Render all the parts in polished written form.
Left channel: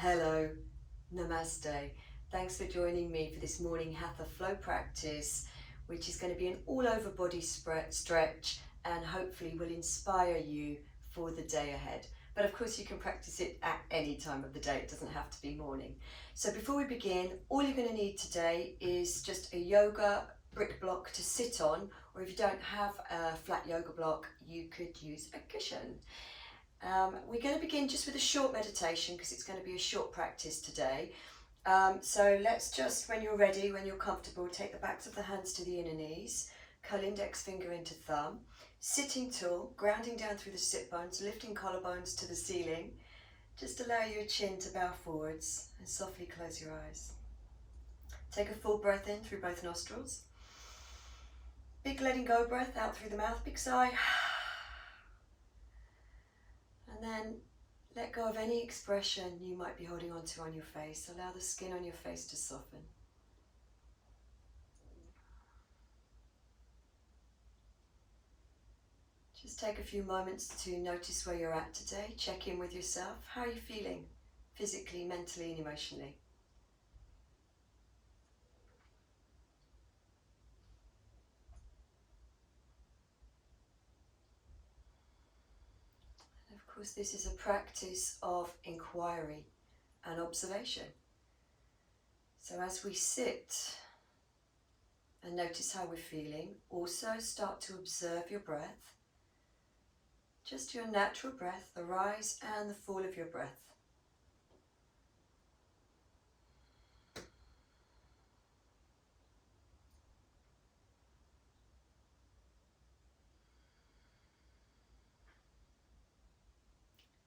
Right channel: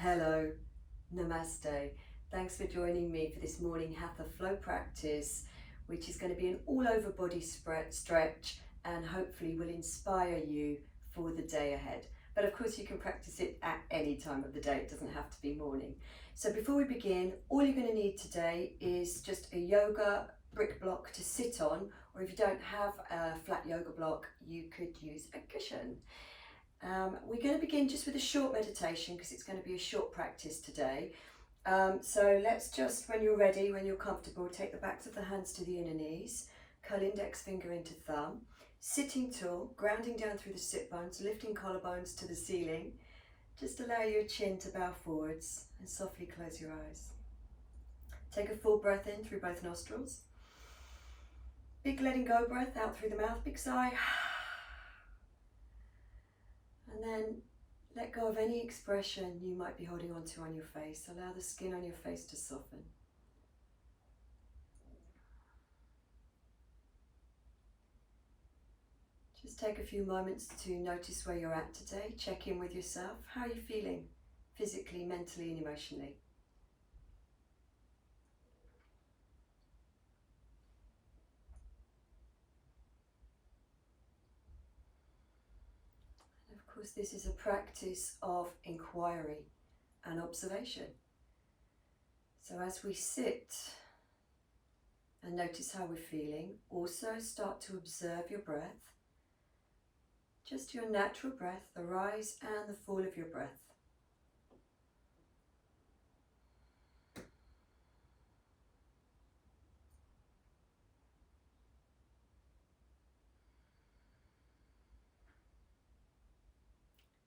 Hello, namaste. Thanks for joining me for this morning hatha flow practice, which is going to be an all over body stretch and hopefully will inspire you for the day ahead. But of course you can practice it at any time of the day, it doesn't have to be morning. So before we begin, all you're going to need today is just a yoga brick block to sit on, or if you don't have a flat yoga block, you could use a cushion. We're going to begin just with a short meditation because it's going to be a short practice today. So let's just, when you're ready, when you're comfortable, take the backs of the hands to the inner knees, curl index finger into thumb, sitting tall, grounding down through the sit bones, lifting collarbones to the ceiling. Just allow your chin to bow forwards and softly close your eyes. Take a full breath in through both nostrils. Big letting go breath out through the mouth, big sigh. And then let go of any expression you might be holding on to on your face. Allow the skin on your face to soften. Just take a few moments to notice where you're at today. Check in with yourself. How are you feeling physically, mentally, and emotionally? And of course, this is a practice of inquiry and observation. So as we sit and notice how we're feeling, also start to observe your breath. Just your natural breath, the rise and the fall of your breath.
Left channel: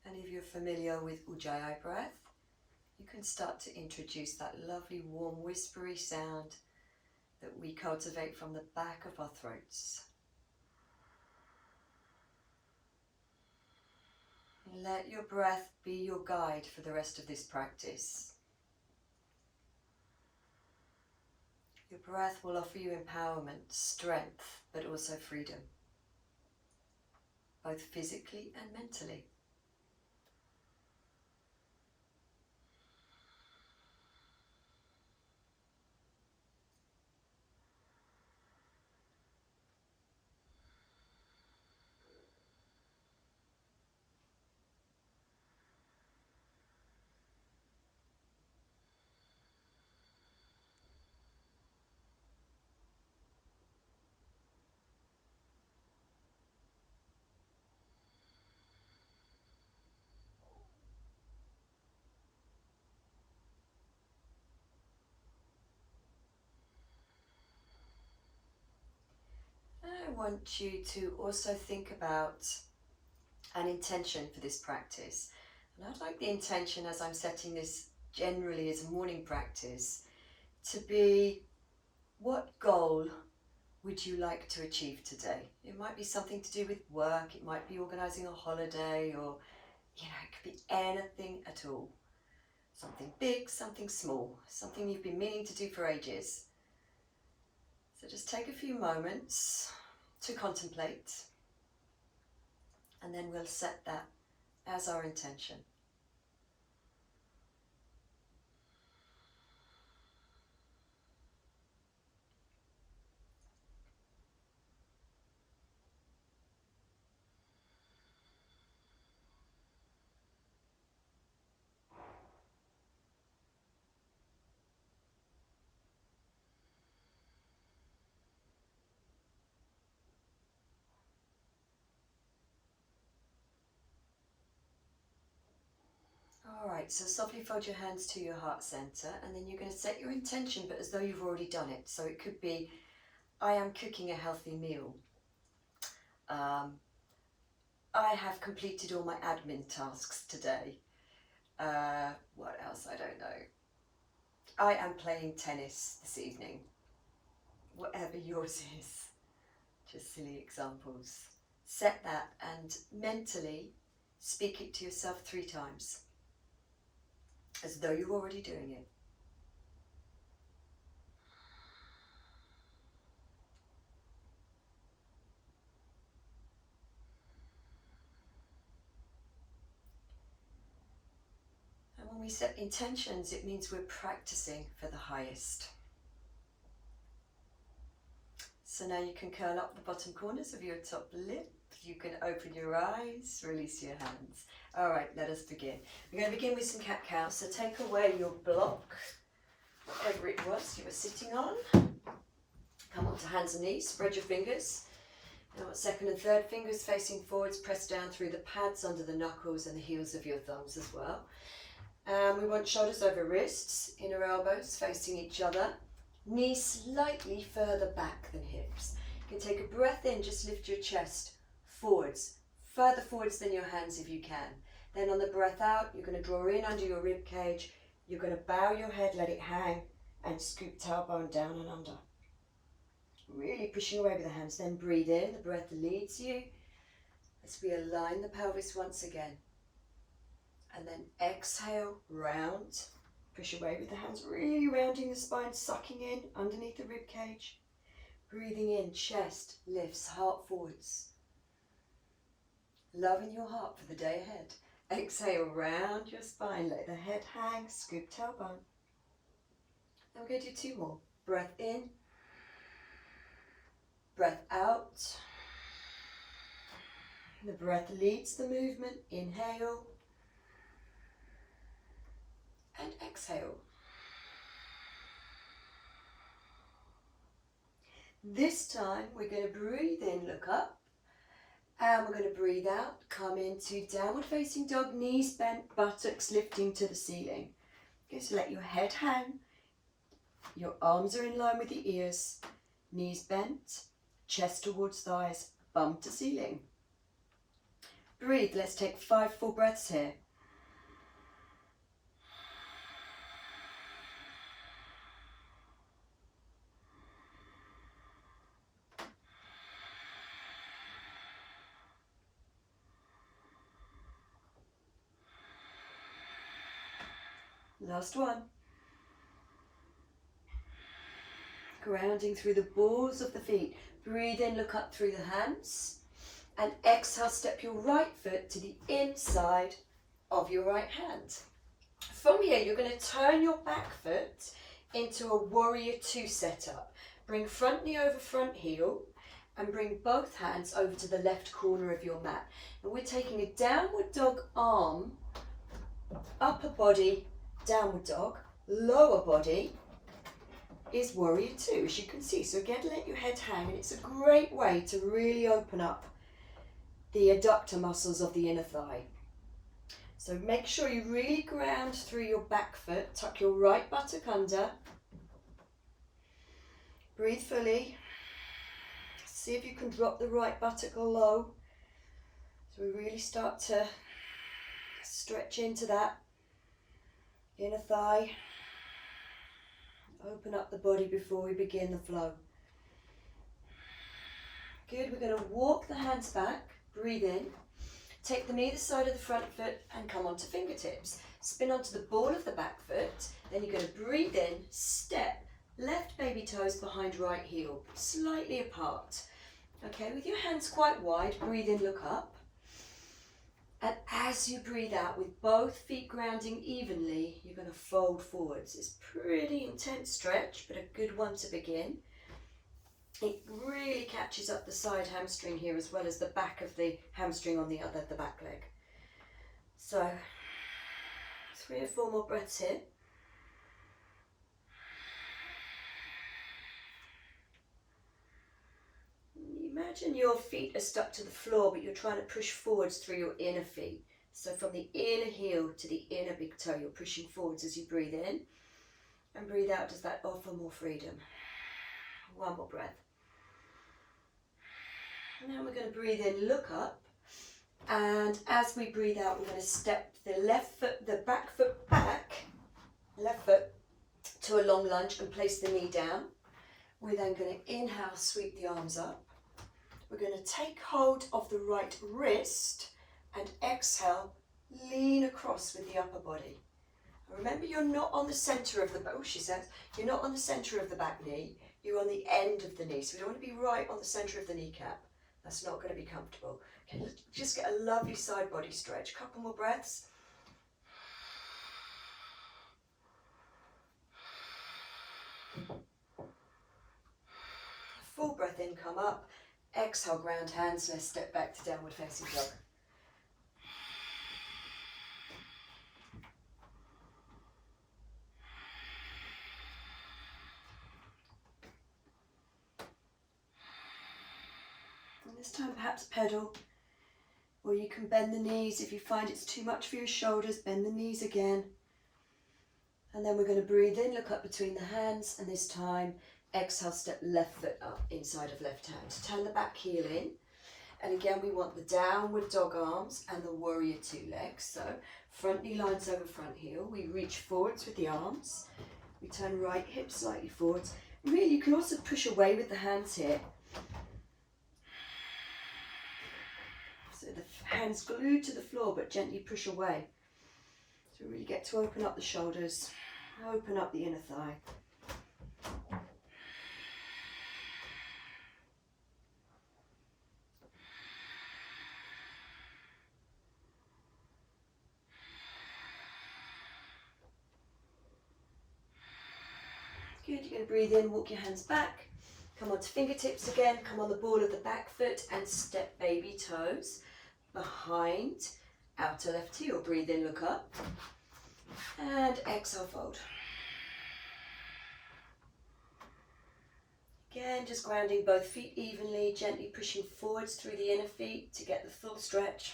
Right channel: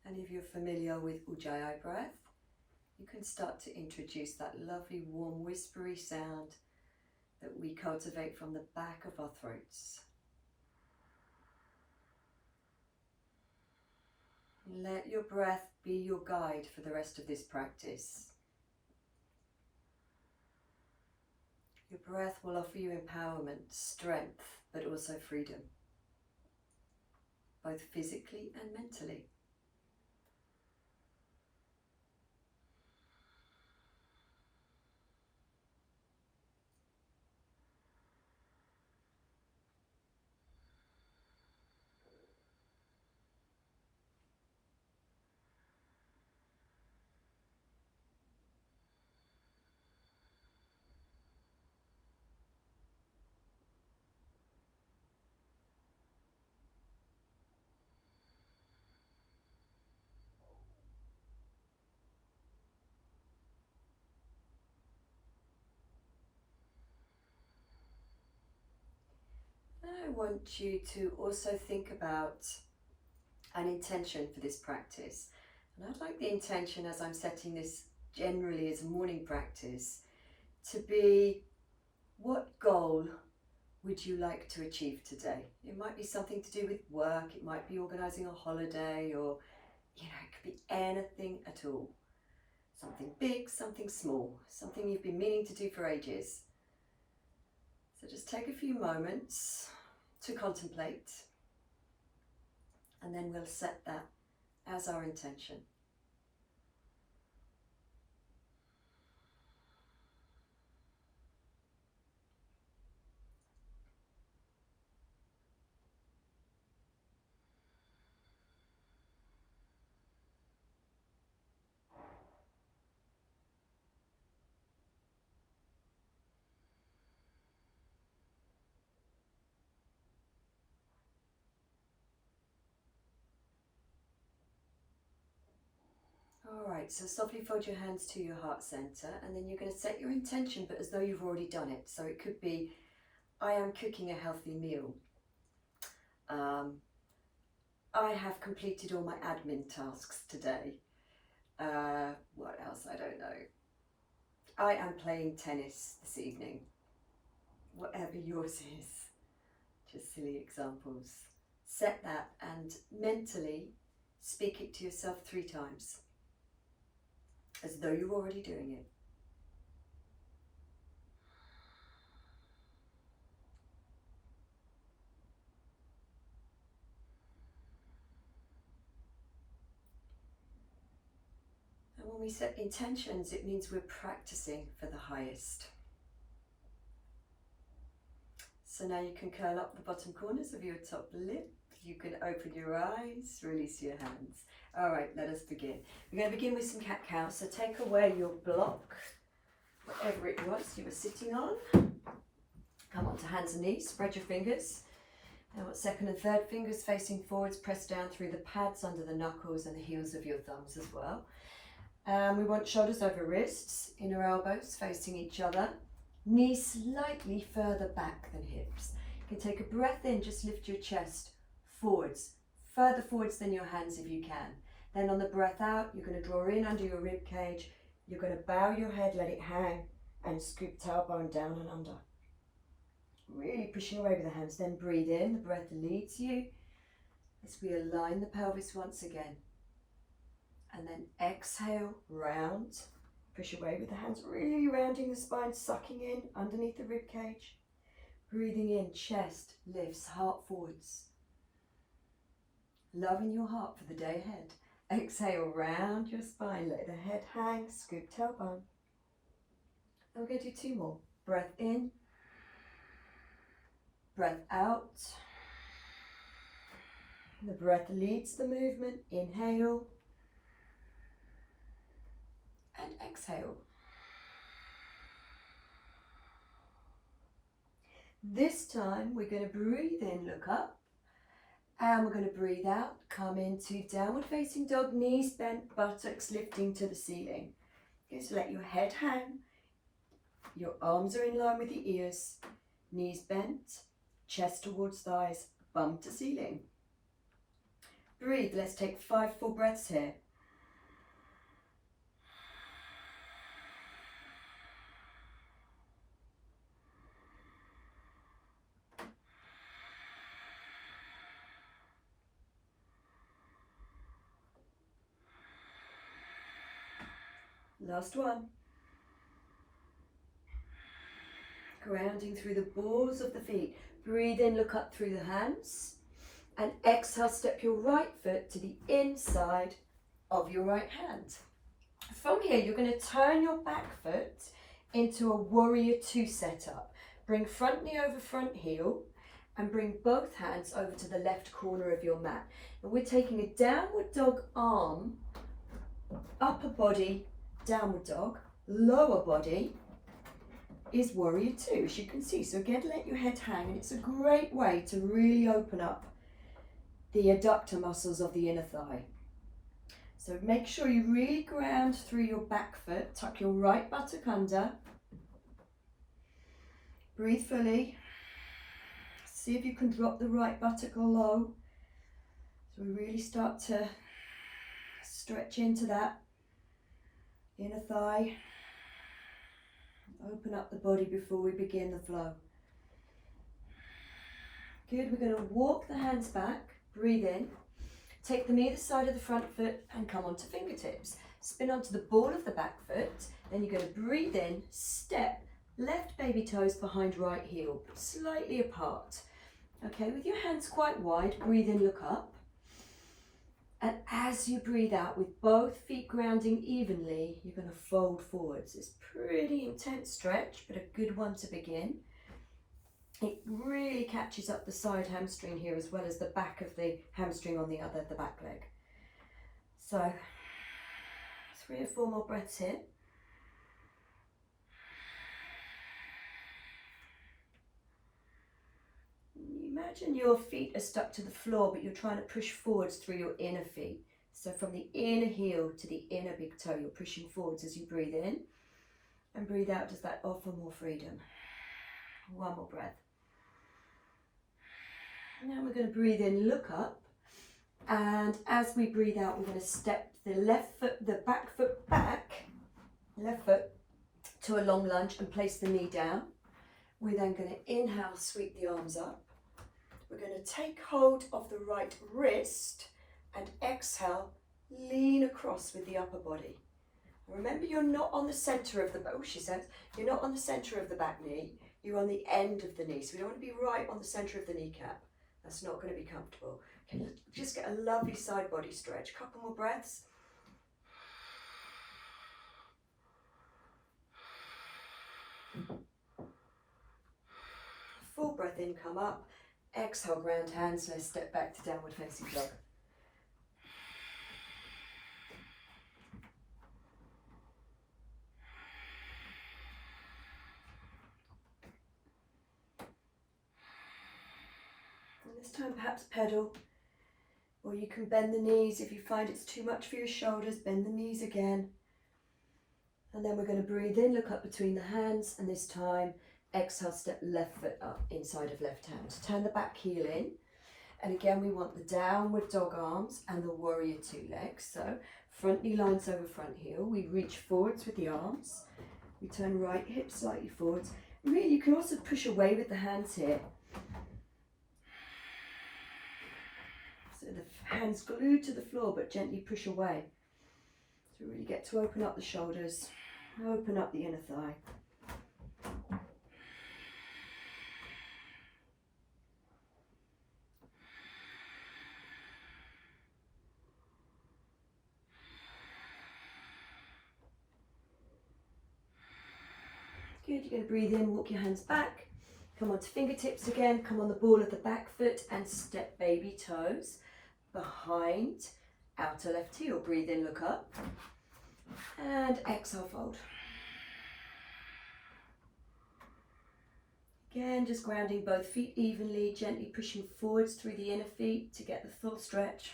And if you're familiar with Ujjayi breath, you can start to introduce that lovely warm whispery sound that we cultivate from the back of our throats. Let your breath be your guide for the rest of this practice. Your breath will offer you empowerment, strength, but also freedom, both physically and mentally. I want you to also think about an intention for this practice. And I'd like the intention, as I'm setting this generally as a morning practice, to be, what goal would you like to achieve today? It might be something to do with work, it might be organising a holiday, or it could be anything at all. Something big, something small, something you've been meaning to do for ages. So just take a few moments to contemplate, and then we'll set that as our intention. Alright, so softly fold your hands to your heart center, and then you're going to set your intention, but as though you've already done it. So it could be, I am cooking a healthy meal. I have completed all my admin tasks today. What else? I don't know. I am playing tennis this evening. Whatever yours is. Just silly examples. Set that and mentally speak it to yourself 3 times, as though you're already doing it. And when When we set intentions, it means we're practicing for the highest. So now you can curl up the bottom corners of your top lip. You can open your eyes, release your hands. All right, let us begin. We're going to begin with some cat-cows. So take away your block, whatever it was you were sitting on. Come onto hands and knees, spread your fingers. Now second and third fingers facing forwards, press down through the pads under the knuckles and the heels of your thumbs as well. We want shoulders over wrists, inner elbows facing each other. Knees slightly further back than hips. You can take a breath in, just lift your chest forwards, further forwards than your hands if you can. Then on the breath out, you're going to draw in under your rib cage. You're going to bow your head, let it hang, and scoop tailbone down and under. Really pushing away with the hands. Then breathe in, the breath leads you as we align the pelvis once again. And then exhale, round. Push away with the hands, really rounding the spine, sucking in underneath the rib cage. Breathing in, chest lifts, heart forwards. Loving your heart for the day ahead. Exhale, round your spine, let the head hang, scoop tailbone. And we're going to do two more. Breath in, breath out. The breath leads the movement. Inhale and exhale. This time we're going to breathe in, look up, and we're going to breathe out, come into downward facing dog, knees bent, buttocks lifting to the ceiling. Okay, so let your head hang, your arms are in line with the ears, knees bent, chest towards thighs, bum to ceiling. Breathe, let's take 5 full breaths here. Last one. Grounding through the balls of the feet. Breathe in, look up through the hands. And exhale, step your right foot to the inside of your right hand. From here, you're going to turn your back foot into a warrior 2 setup. Bring front knee over front heel and bring both hands over to the left corner of your mat. And we're taking a downward dog arm, upper body, downward dog, lower body is warrior 2, as you can see. So again, let your head hang, and it's a great way to really open up the adductor muscles of the inner thigh. So make sure you really ground through your back foot, tuck your right buttock under, breathe fully, see if you can drop the right buttock low. So we really start to stretch into that inner thigh. Open up the body before we begin the flow. Good, we're going to walk the hands back, breathe in, take them either side of the front foot and come onto fingertips. Spin onto the ball of the back foot, then you're going to breathe in, step, left baby toes behind right heel, slightly apart. Okay, with your hands quite wide, breathe in, look up. And as you breathe out, with both feet grounding evenly, you're going to fold forwards. It's a pretty intense stretch, but a good one to begin. It really catches up the side hamstring here as well as the back of the hamstring on the back leg. So 3 or 4 more breaths here. Imagine your feet are stuck to the floor, but you're trying to push forwards through your inner feet. So from the inner heel to the inner big toe, you're pushing forwards as you breathe in. And breathe out, does that offer more freedom? 1 more breath. Now we're going to breathe in, look up. And as we breathe out, we're going to step the left foot, the back foot back, left foot to a long lunge and place the knee down. We're then going to inhale, sweep the arms up. We're going to take hold of the right wrist and exhale, lean across with the upper body. And remember, you're not on the centre of the back, you're not on the centre of the back knee, you're on the end of the knee. So we don't want to be right on the centre of the kneecap. That's not going to be comfortable. Okay, let's just get a lovely side body stretch. Couple more breaths. in, come up. Exhale, ground hands. Let's step back to downward facing dog. And this time perhaps pedal, or you can bend the knees. If you find it's too much for your shoulders, bend the knees again. And then we're going to breathe in, look up between the hands, and this time exhale, step left foot up inside of left hand. Turn the back heel in, and again we want the downward dog arms and the warrior two legs. So front knee lines over front heel. We reach forwards with the arms. We turn right hip slightly forwards. Really, you can also push away with the hands here. So the hands glued to the floor, but gently push away. So really get to open up the shoulders, open up the inner thigh. Good, you're going to breathe in, walk your hands back, come onto fingertips again, come on the ball of the back foot and step baby toes behind outer left heel. Breathe in, look up, and exhale, fold. Again, just grounding both feet evenly, gently pushing forwards through the inner feet to get the full stretch.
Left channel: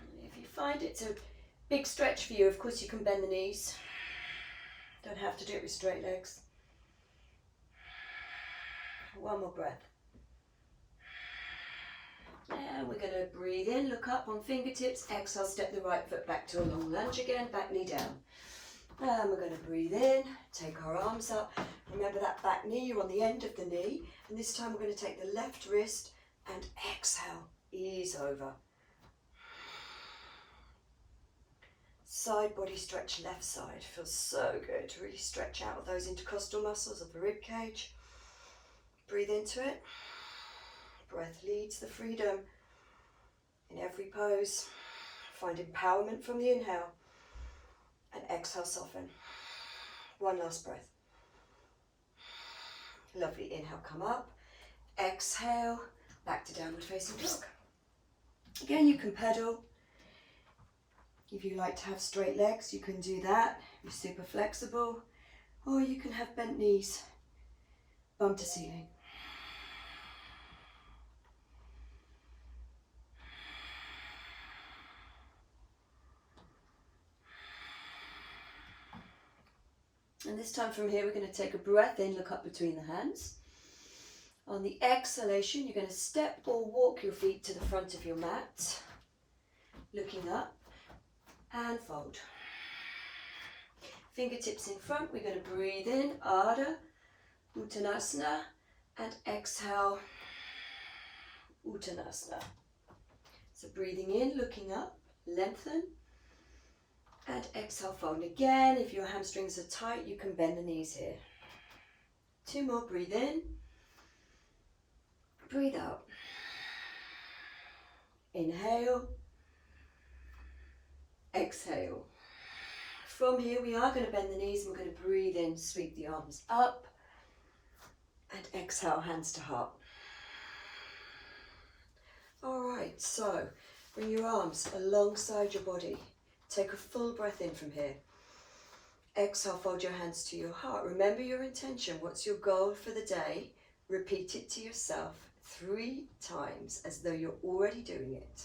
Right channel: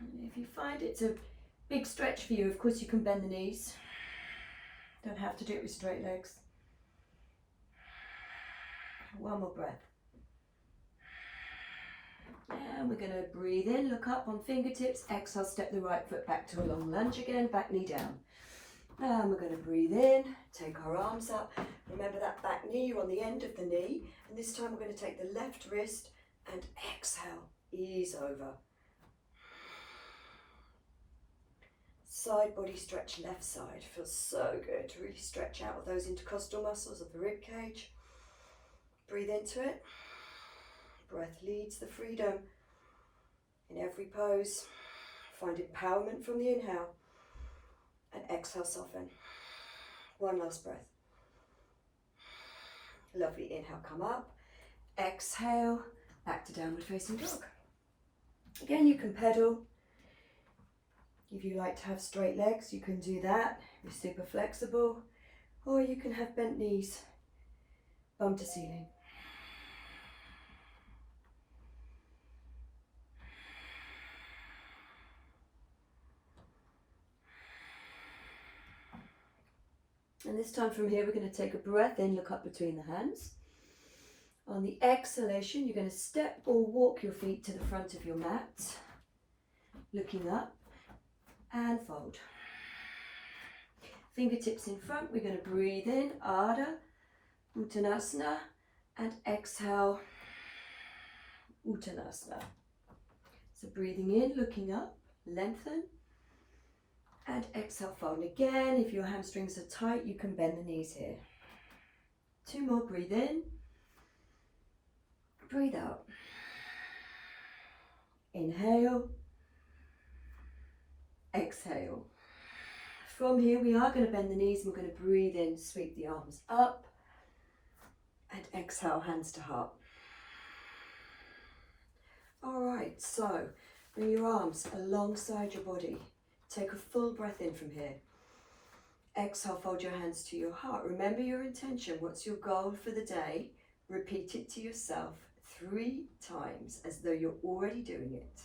And if you find it's a big stretch for you, of course you can bend the knees. Don't have to do it with straight legs. One more breath. And we're going to breathe in, look up on fingertips, exhale, step the right foot back to a long lunge again, back knee down. And we're going to breathe in, take our arms up. Remember that back knee, you're on the end of the knee. And this time we're going to take the left wrist and exhale, ease over. Side body stretch, left side. Feels so good to really stretch out of those intercostal muscles of the rib cage. Breathe into it. Breath leads the freedom in every pose. Find empowerment from the inhale. And exhale, soften. One last breath. Lovely, inhale, come up. Exhale, back to downward facing dog. Again, you can pedal. If you like to have straight legs, you can do that. You're super flexible. Or you can have bent knees, bum to ceiling. And this time from here, we're going to take a breath in, look up between the hands. On the exhalation, you're going to step or walk your feet to the front of your mat, looking up. And fold. Fingertips in front, we're going to breathe in, Ardha, Uttanasana, and exhale, Uttanasana. So breathing in, looking up, lengthen, and exhale, fold. And again, if your hamstrings are tight, you can bend the knees here. Two more, breathe in, breathe out. Inhale. Exhale. From here we are going to bend the knees and we're going to breathe in, sweep the arms up and exhale, hands to heart. Alright, so bring your arms alongside your body. Take a full breath in from here. Exhale, fold your hands to your heart. Remember your intention. What's your goal for the day? Repeat it to yourself 3 times as though you're already doing it.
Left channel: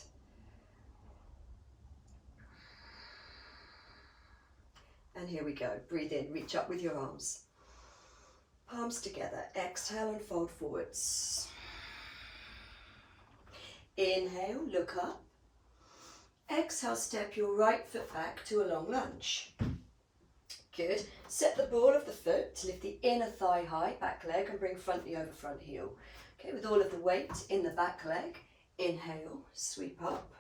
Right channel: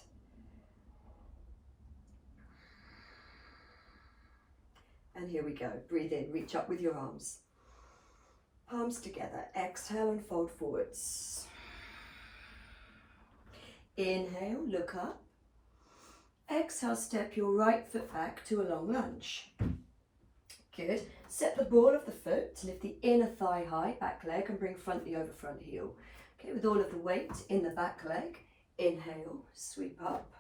And here we go. Breathe in, reach up with your arms. Palms together. Exhale and fold forwards. Inhale, look up. Exhale, step your right foot back to a long lunge. Good. Set the ball of the foot to lift the inner thigh high, back leg, and bring front knee over front heel. Okay, with all of the weight in the back leg. Inhale, sweep up.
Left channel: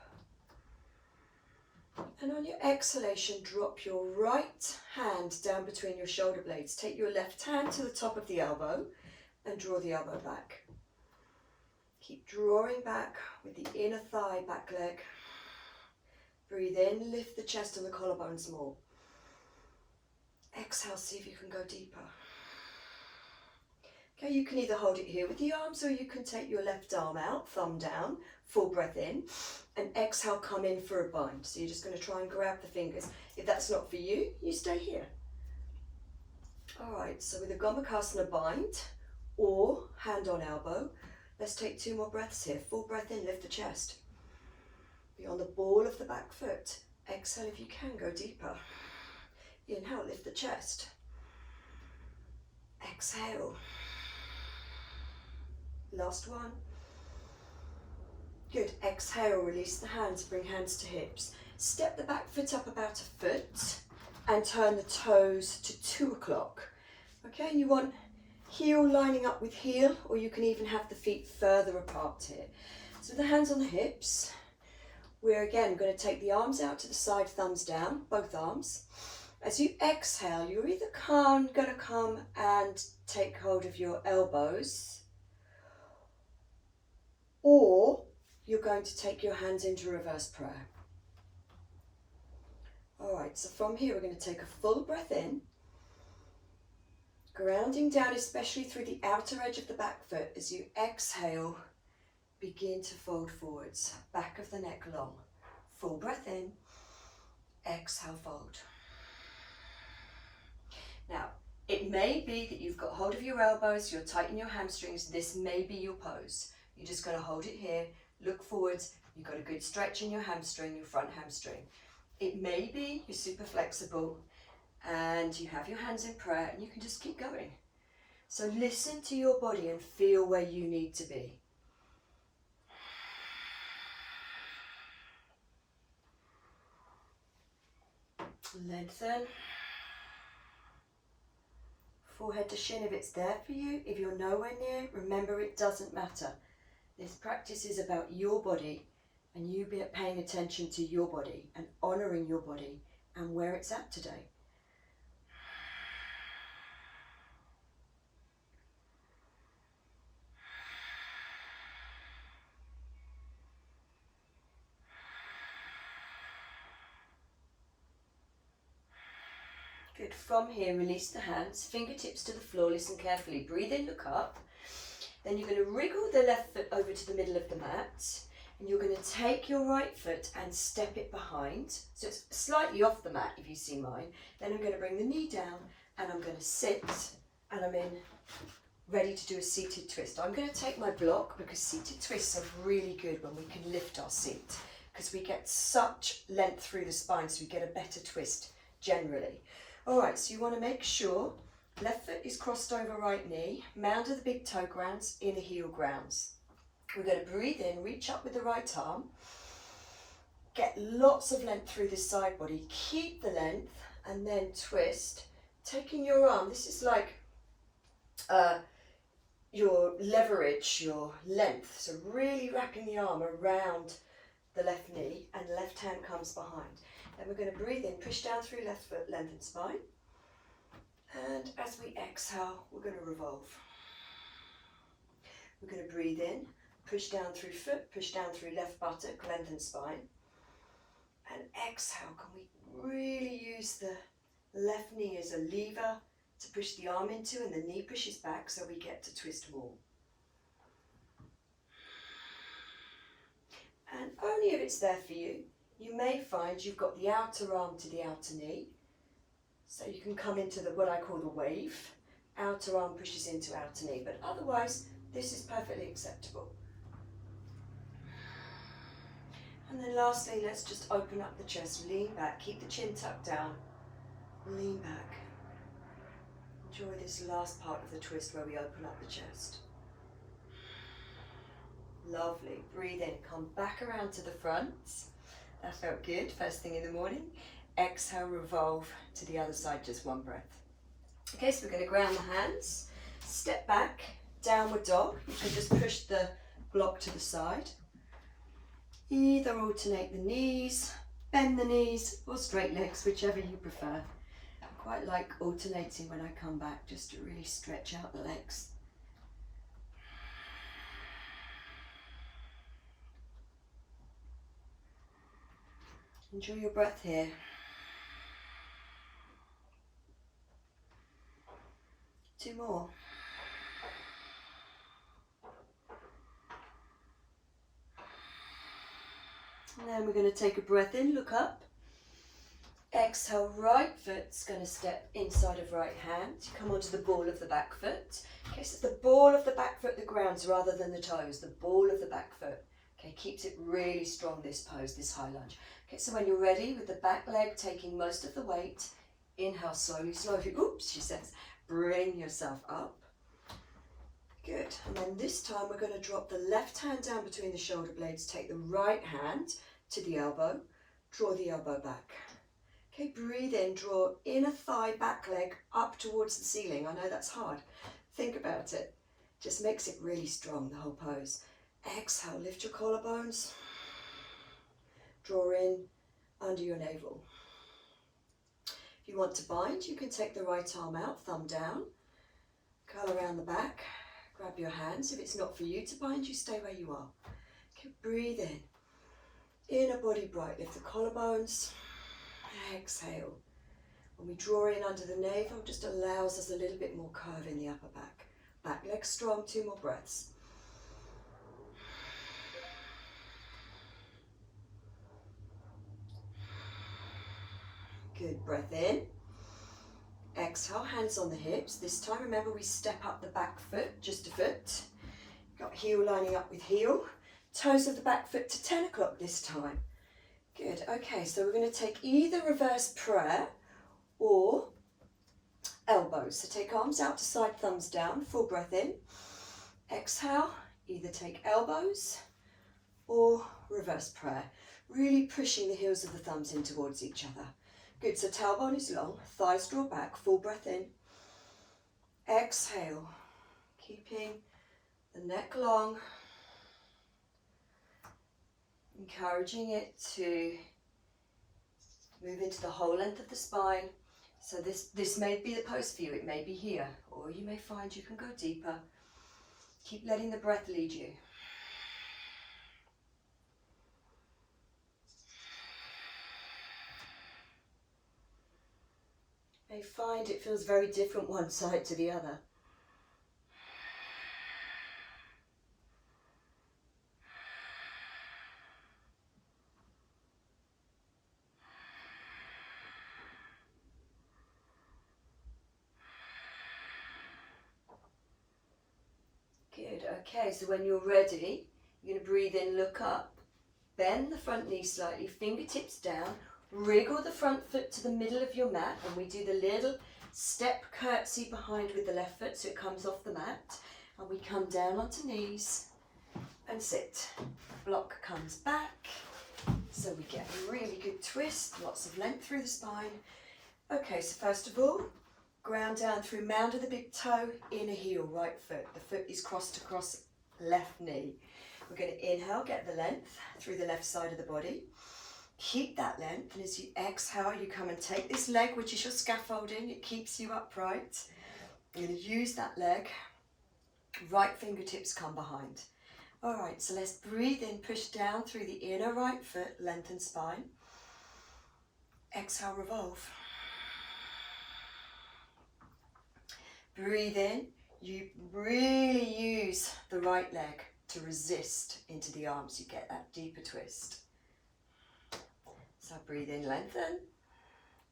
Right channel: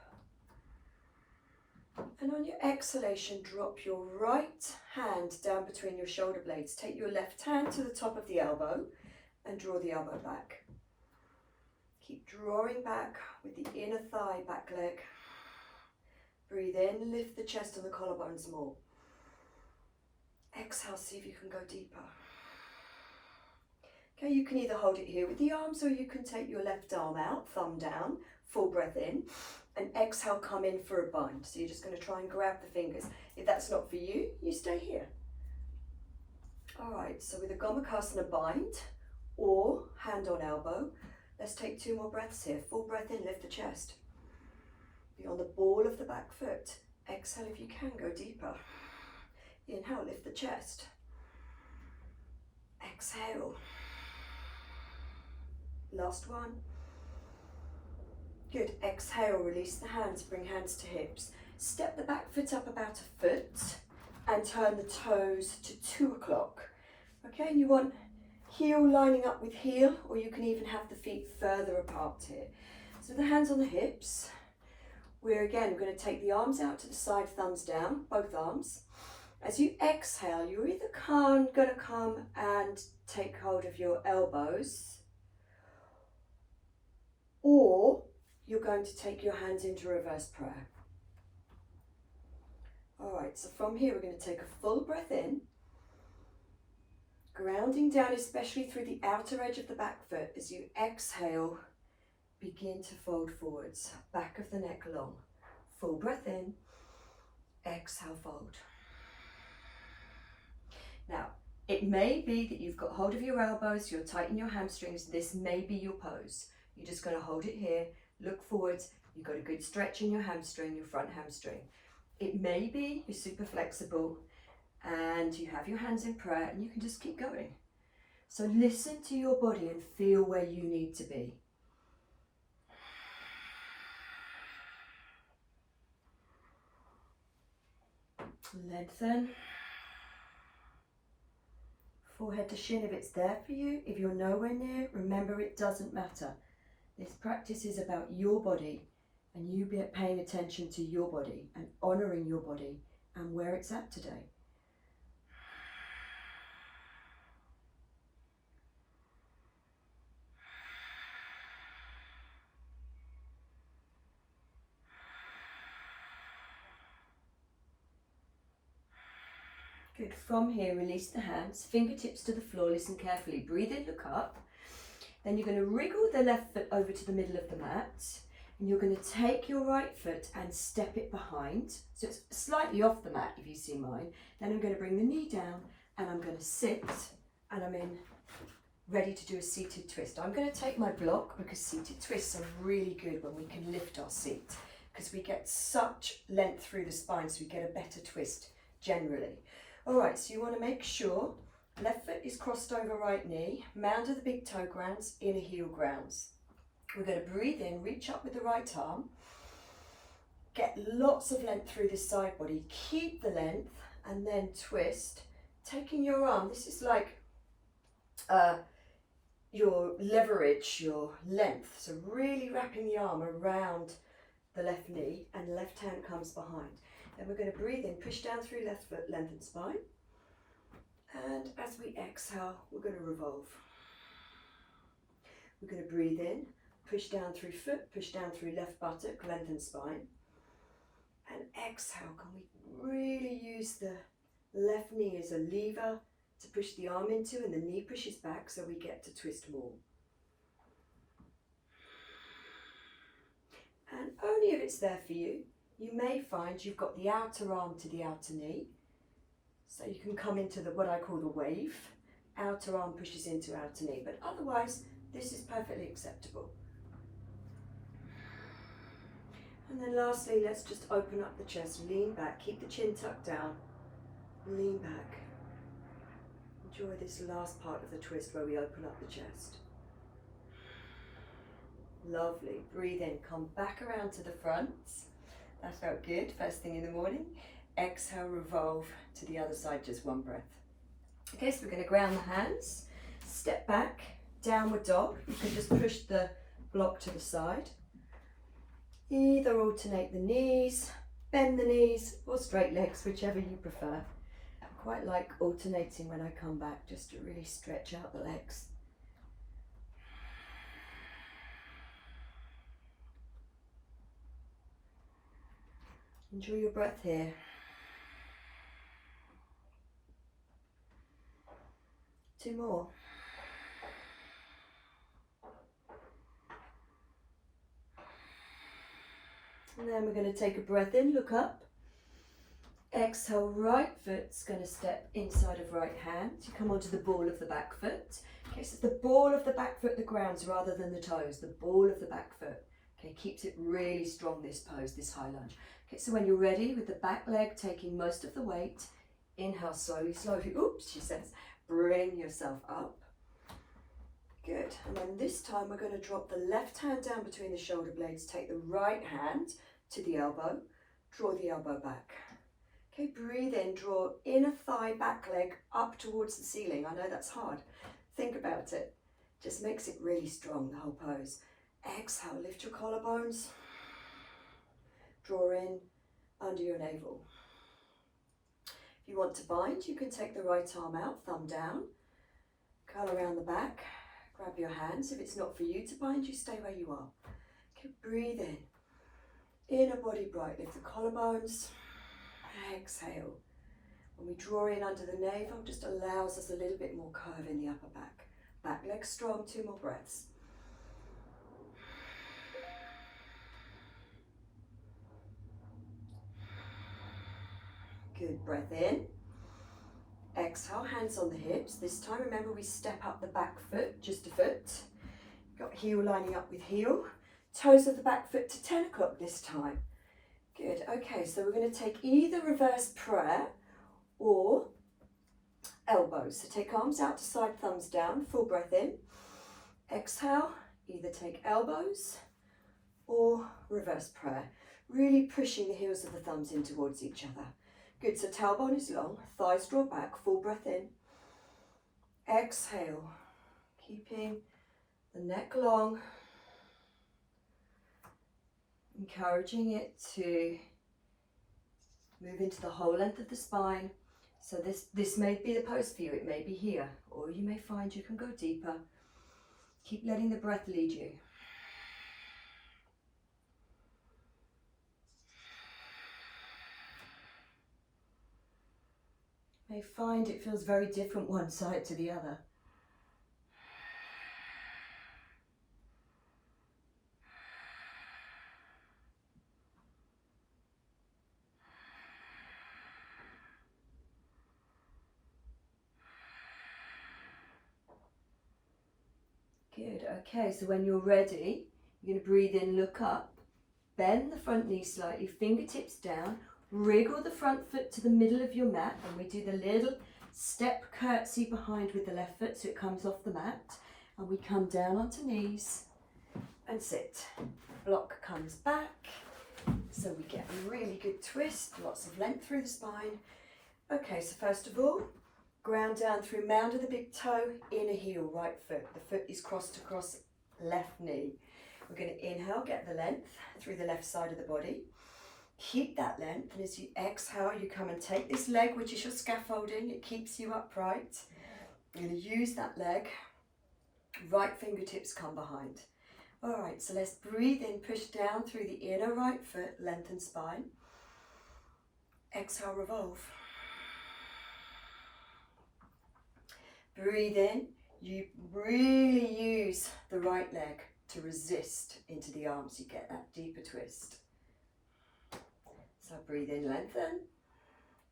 And on your exhalation, drop your right hand down between your shoulder blades. Take your left hand to the top of the elbow and draw the elbow back. Keep drawing back with the inner thigh, back leg. Breathe in, lift the chest and the collarbones more. Exhale, see if you can go deeper. Okay, you can either hold it here with the arms, or you can take your left arm out, thumb down, full breath in, and exhale, come in for a bind. So you're just going to try and grab the fingers. If that's not for you, you stay here. All right, so with a Gomakasana bind or hand on elbow, let's take 2 more breaths here. Full breath in, lift the chest. Be on the ball of the back foot. Exhale if you can, go deeper. Inhale, lift the chest. Exhale. Last one. Good. Exhale, release the hands, bring hands to hips. Step the back foot up about a foot and turn the toes to 2 o'clock. Okay, you want heel lining up with heel, or you can even have the feet further apart here. So the hands on the hips. We're again going to take the arms out to the side, thumbs down, both arms. As you exhale, you're either going to come and take hold of your elbows, or you're going to take your hands into reverse prayer. All right, so from here we're going to take a full breath in, grounding down especially through the outer edge of the back foot. As you exhale, begin to fold forwards, back of the neck long. Full breath in, exhale, fold. Now, it may be that you've got hold of your elbows, you're tight in your hamstrings. This may be your pose. You're just going to hold it here, look forwards. You've got a good stretch in your hamstring, your front hamstring. It may be you're super flexible and you have your hands in prayer and you can just keep going. So listen to your body and feel where you need to be. Lengthen. Forehead to shin if it's there for you. If you're nowhere near, remember it doesn't matter. This practice is about your body and you paying attention to your body and honouring your body and where it's at today. Good. From here, release the hands, fingertips to the floor. Listen carefully. Breathe in, look up. Then you're going to wriggle the left foot over to the middle of the mat. And you're going to take your right foot and step it behind. So it's slightly off the mat if you see mine. Then I'm going to bring the knee down and I'm going to sit and I'm in ready to do a seated twist. I'm going to take my block because seated twists are really good when we can lift our seat because we get such length through the spine, so we get a better twist generally. All right, so you want to make sure left foot is crossed over right knee, mound of the big toe grounds, inner heel grounds. We're going to breathe in, reach up with the right arm, get lots of length through the side body, keep the length, and then twist, taking your arm. This is like your leverage, your length. So really wrapping the arm around the left knee and the left hand comes behind. Then we're going to breathe in, push down through left foot, lengthen spine. And as we exhale, we're going to revolve. We're going to breathe in, push down through foot, push down through left buttock, lengthen spine. And exhale, can we really use the left knee as a lever to push the arm into, and the knee pushes back so we get to twist more. And only if it's there for you, you may find you've got the outer arm to the outer knee. So you can come into what I call the wave. Outer arm pushes into outer knee, but otherwise this is perfectly acceptable. And then lastly, let's just open up the chest, lean back, keep the chin tucked down, lean back. Enjoy this last part of the twist where we open up the chest. Lovely. Breathe in, come back around to the front. That felt good, first thing in the morning. Exhale, revolve to the other side, just one breath. Okay, so we're going to ground the hands, step back, downward dog. You can just push the block to the side. Either alternate the knees, bend the knees, or straight legs, whichever you prefer. I quite like alternating when I come back, just to really stretch out the legs. Enjoy your breath here. Two more. And then we're going to take a breath in, look up. Exhale, right foot's going to step inside of right hand. You come onto the ball of the back foot. Okay, so the ball of the back foot, the grounds rather than the toes, the ball of the back foot. Okay, keeps it really strong, this pose, this high lunge. Okay, so when you're ready with the back leg taking most of the weight, inhale slowly, slowly, oops, she says, bring yourself up. Good, and then this time we're going to drop the left hand down between the shoulder blades, take the right hand to the elbow, draw the elbow back. Okay, breathe in, draw inner thigh, back leg up towards the ceiling. I know that's hard. Think about it. Just makes it really strong, the whole pose. Exhale, lift your collarbones. Draw in under your navel. If you want to bind, you can take the right arm out, thumb down, curl around the back, grab your hands. If it's not for you to bind, you stay where you are. Okay, breathe in. Inner body bright, lift the collarbones. Exhale. When we draw in under the navel, just allows us a little bit more curve in the upper back. Back leg strong, 2 more breaths. Good, breath in. Exhale, hands on the hips. This time, remember we step up the back foot, just a foot. Got heel lining up with heel. Toes of the back foot to 10 o'clock this time. Good, okay, so we're going to take either reverse prayer or elbows. So take arms out to side, thumbs down, full breath in. Exhale, either take elbows or reverse prayer. Really pushing the heels of the thumbs in towards each other. Good, so tailbone is long, thighs draw back, full breath in. Exhale, keeping the neck long. Encouraging it to move into the whole length of the spine. So this may be the pose for you, it may be here, or you may find you can go deeper. Keep letting the breath lead you. You may find it feels very different one side to the other. Good, okay, so when you're ready, you're going to breathe in, look up, bend the front knee slightly, fingertips down, wriggle the front foot to the middle of your mat, and we do the little step curtsy behind with the left foot so it comes off the mat, and we come down onto knees and sit. Block comes back, so we get a really good twist, lots of length through the spine. Okay, so first of all, ground down through mound of the big toe, inner heel, right foot. The foot is crossed across left knee. We're going to inhale, get the length through the left side of the body. Keep that length, and as you exhale, you come and take this leg, which is your scaffolding. It keeps you upright. You're going to use that leg. Right fingertips come behind. All right, so let's breathe in, push down through the inner right foot, lengthen spine. Exhale, revolve. Breathe in, you really use the right leg to resist into the arms. You get that deeper twist. So breathe in, lengthen,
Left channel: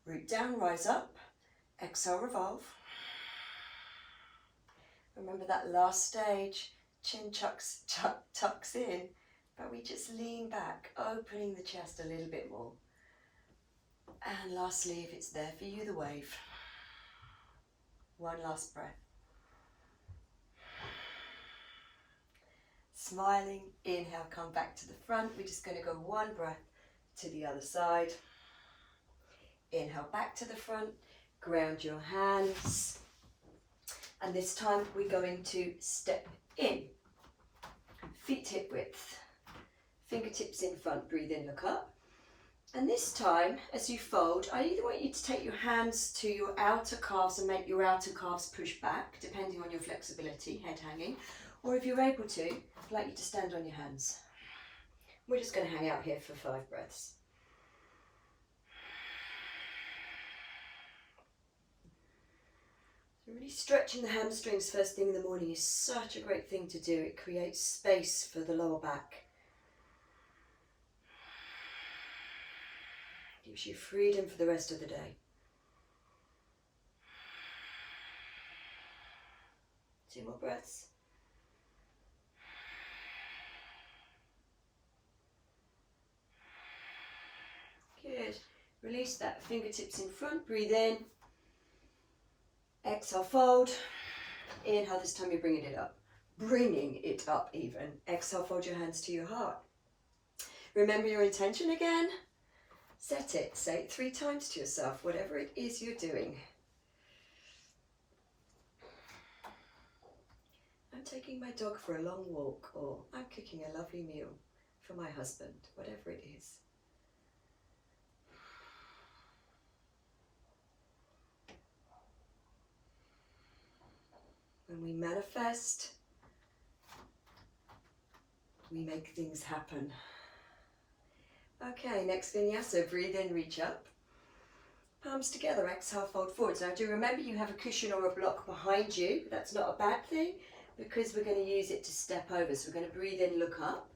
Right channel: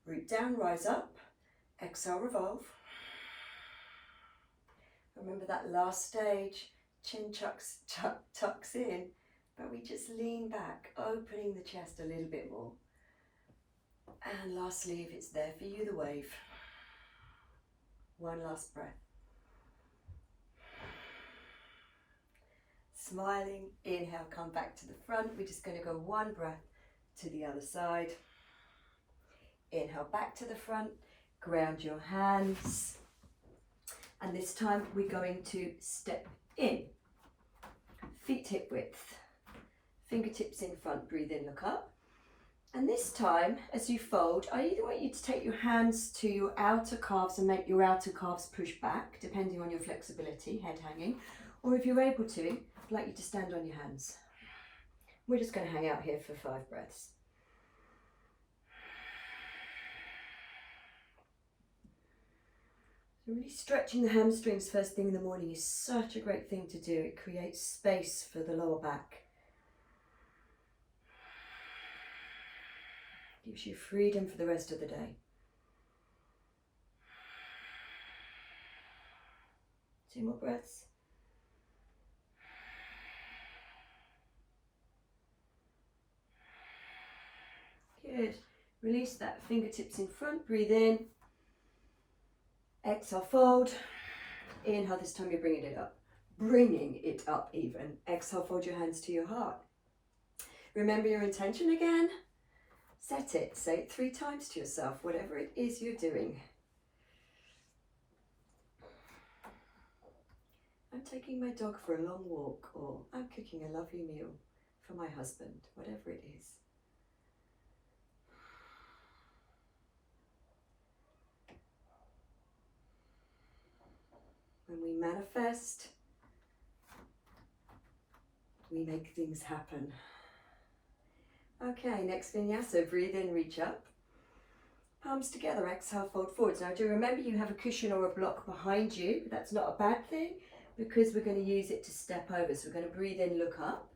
root down, rise up, exhale, revolve. Remember that last stage, chin tucks in, but we just lean back, opening the chest a little bit more. And lastly, if it's there for you, the wave. One last breath. Smiling, inhale, come back to the front. We're just going to go one breath to the other side. Inhale, back to the front. Ground your hands. And this time we're going to step in. Feet hip width. Fingertips in front. Breathe in, look up. And this time, as you fold, I either want you to take your hands to your outer calves and make your outer calves push back, depending on your flexibility, head hanging, or if you're able to, I'd like you to stand on your hands. We're just going to hang out here for 5 breaths. So really stretching the hamstrings first thing in the morning is such a great thing to do. It creates space for the lower back. Gives you freedom for the rest of the day. Two more breaths. Good. Release that, fingertips in front, breathe in. Exhale, fold. Inhale, this time you're bringing it up. Bringing it up even. Exhale, fold your hands to your heart. Remember your intention again. Set it. Say it 3 times to yourself, whatever it is you're doing. I'm taking my dog for a long walk, or I'm cooking a lovely meal for my husband, whatever it is. When we manifest, we make things happen. Okay, next vinyasa, breathe in, reach up. Palms together, exhale, fold forward. Now do remember you have a cushion or a block behind you. That's not a bad thing because we're going to use it to step over. So we're going to breathe in, look up.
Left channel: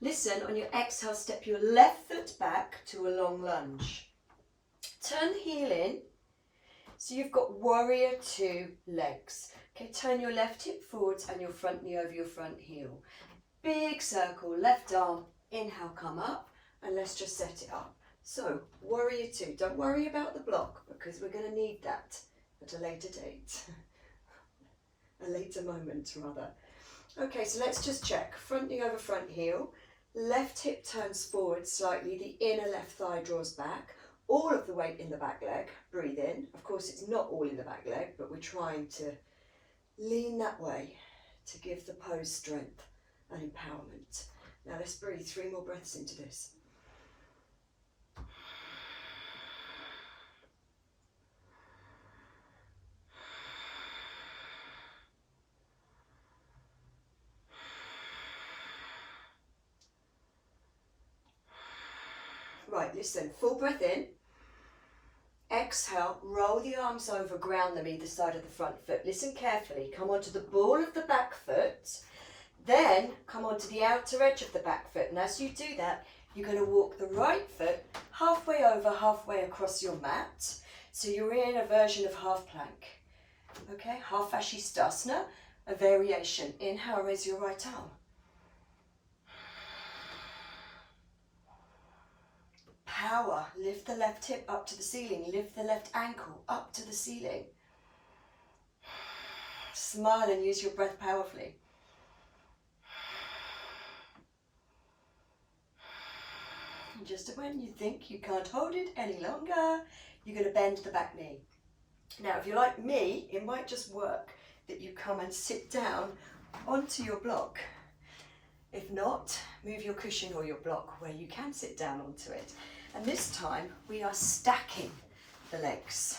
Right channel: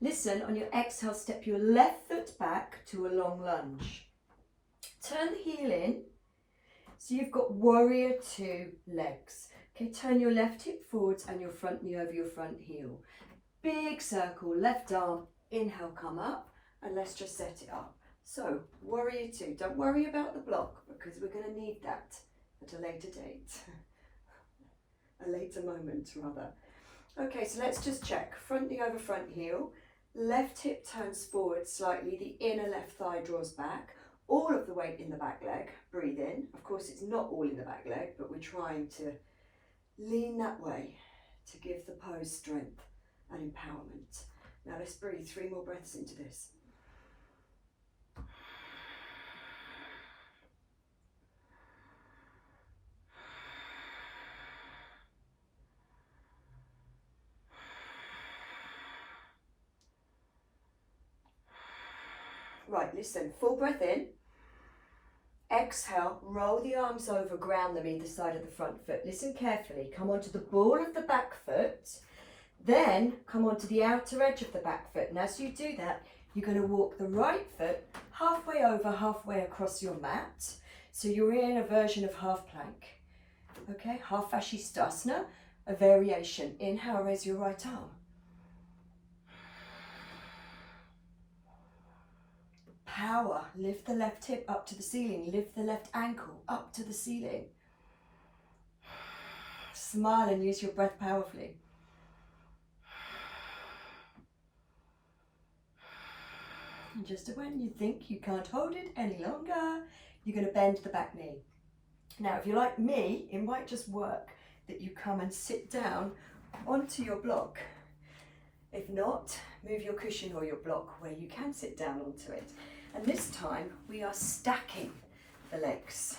Listen, on your exhale, step your left foot back to a long lunge. Turn the heel in. So you've got warrior 2 legs. Okay, turn your left hip forwards and your front knee over your front heel. Big circle, left arm, inhale, come up, and let's just set it up. So, warrior 2, don't worry about the block because we're going to need that at a later date. A later moment, rather. Okay, so let's just check. Front knee over front heel, left hip turns forward slightly, the inner left thigh draws back, all of the weight in the back leg, breathe in. Of course, it's not all in the back leg, but we're trying to lean that way to give the pose strength and empowerment. Now let's breathe 3 more breaths into this. Right, listen, full breath in. Exhale, roll the arms over, ground them either side of the front foot. Listen carefully, come onto the ball of the back foot, then come onto the outer edge of the back foot. And as you do that, you're going to walk the right foot halfway over, halfway across your mat. So you're in a version of half plank. Okay, half Vashisthasana, a variation. Inhale, raise your right arm. Power, lift the left hip up to the ceiling, lift the left ankle up to the ceiling. Smile and use your breath powerfully. And just when you think you can't hold it any longer, you're going to bend the back knee. Now, if you're like me, it might just work that you come and sit down onto your block. If not, move your cushion or your block where you can sit down onto it. And this time we are stacking the legs.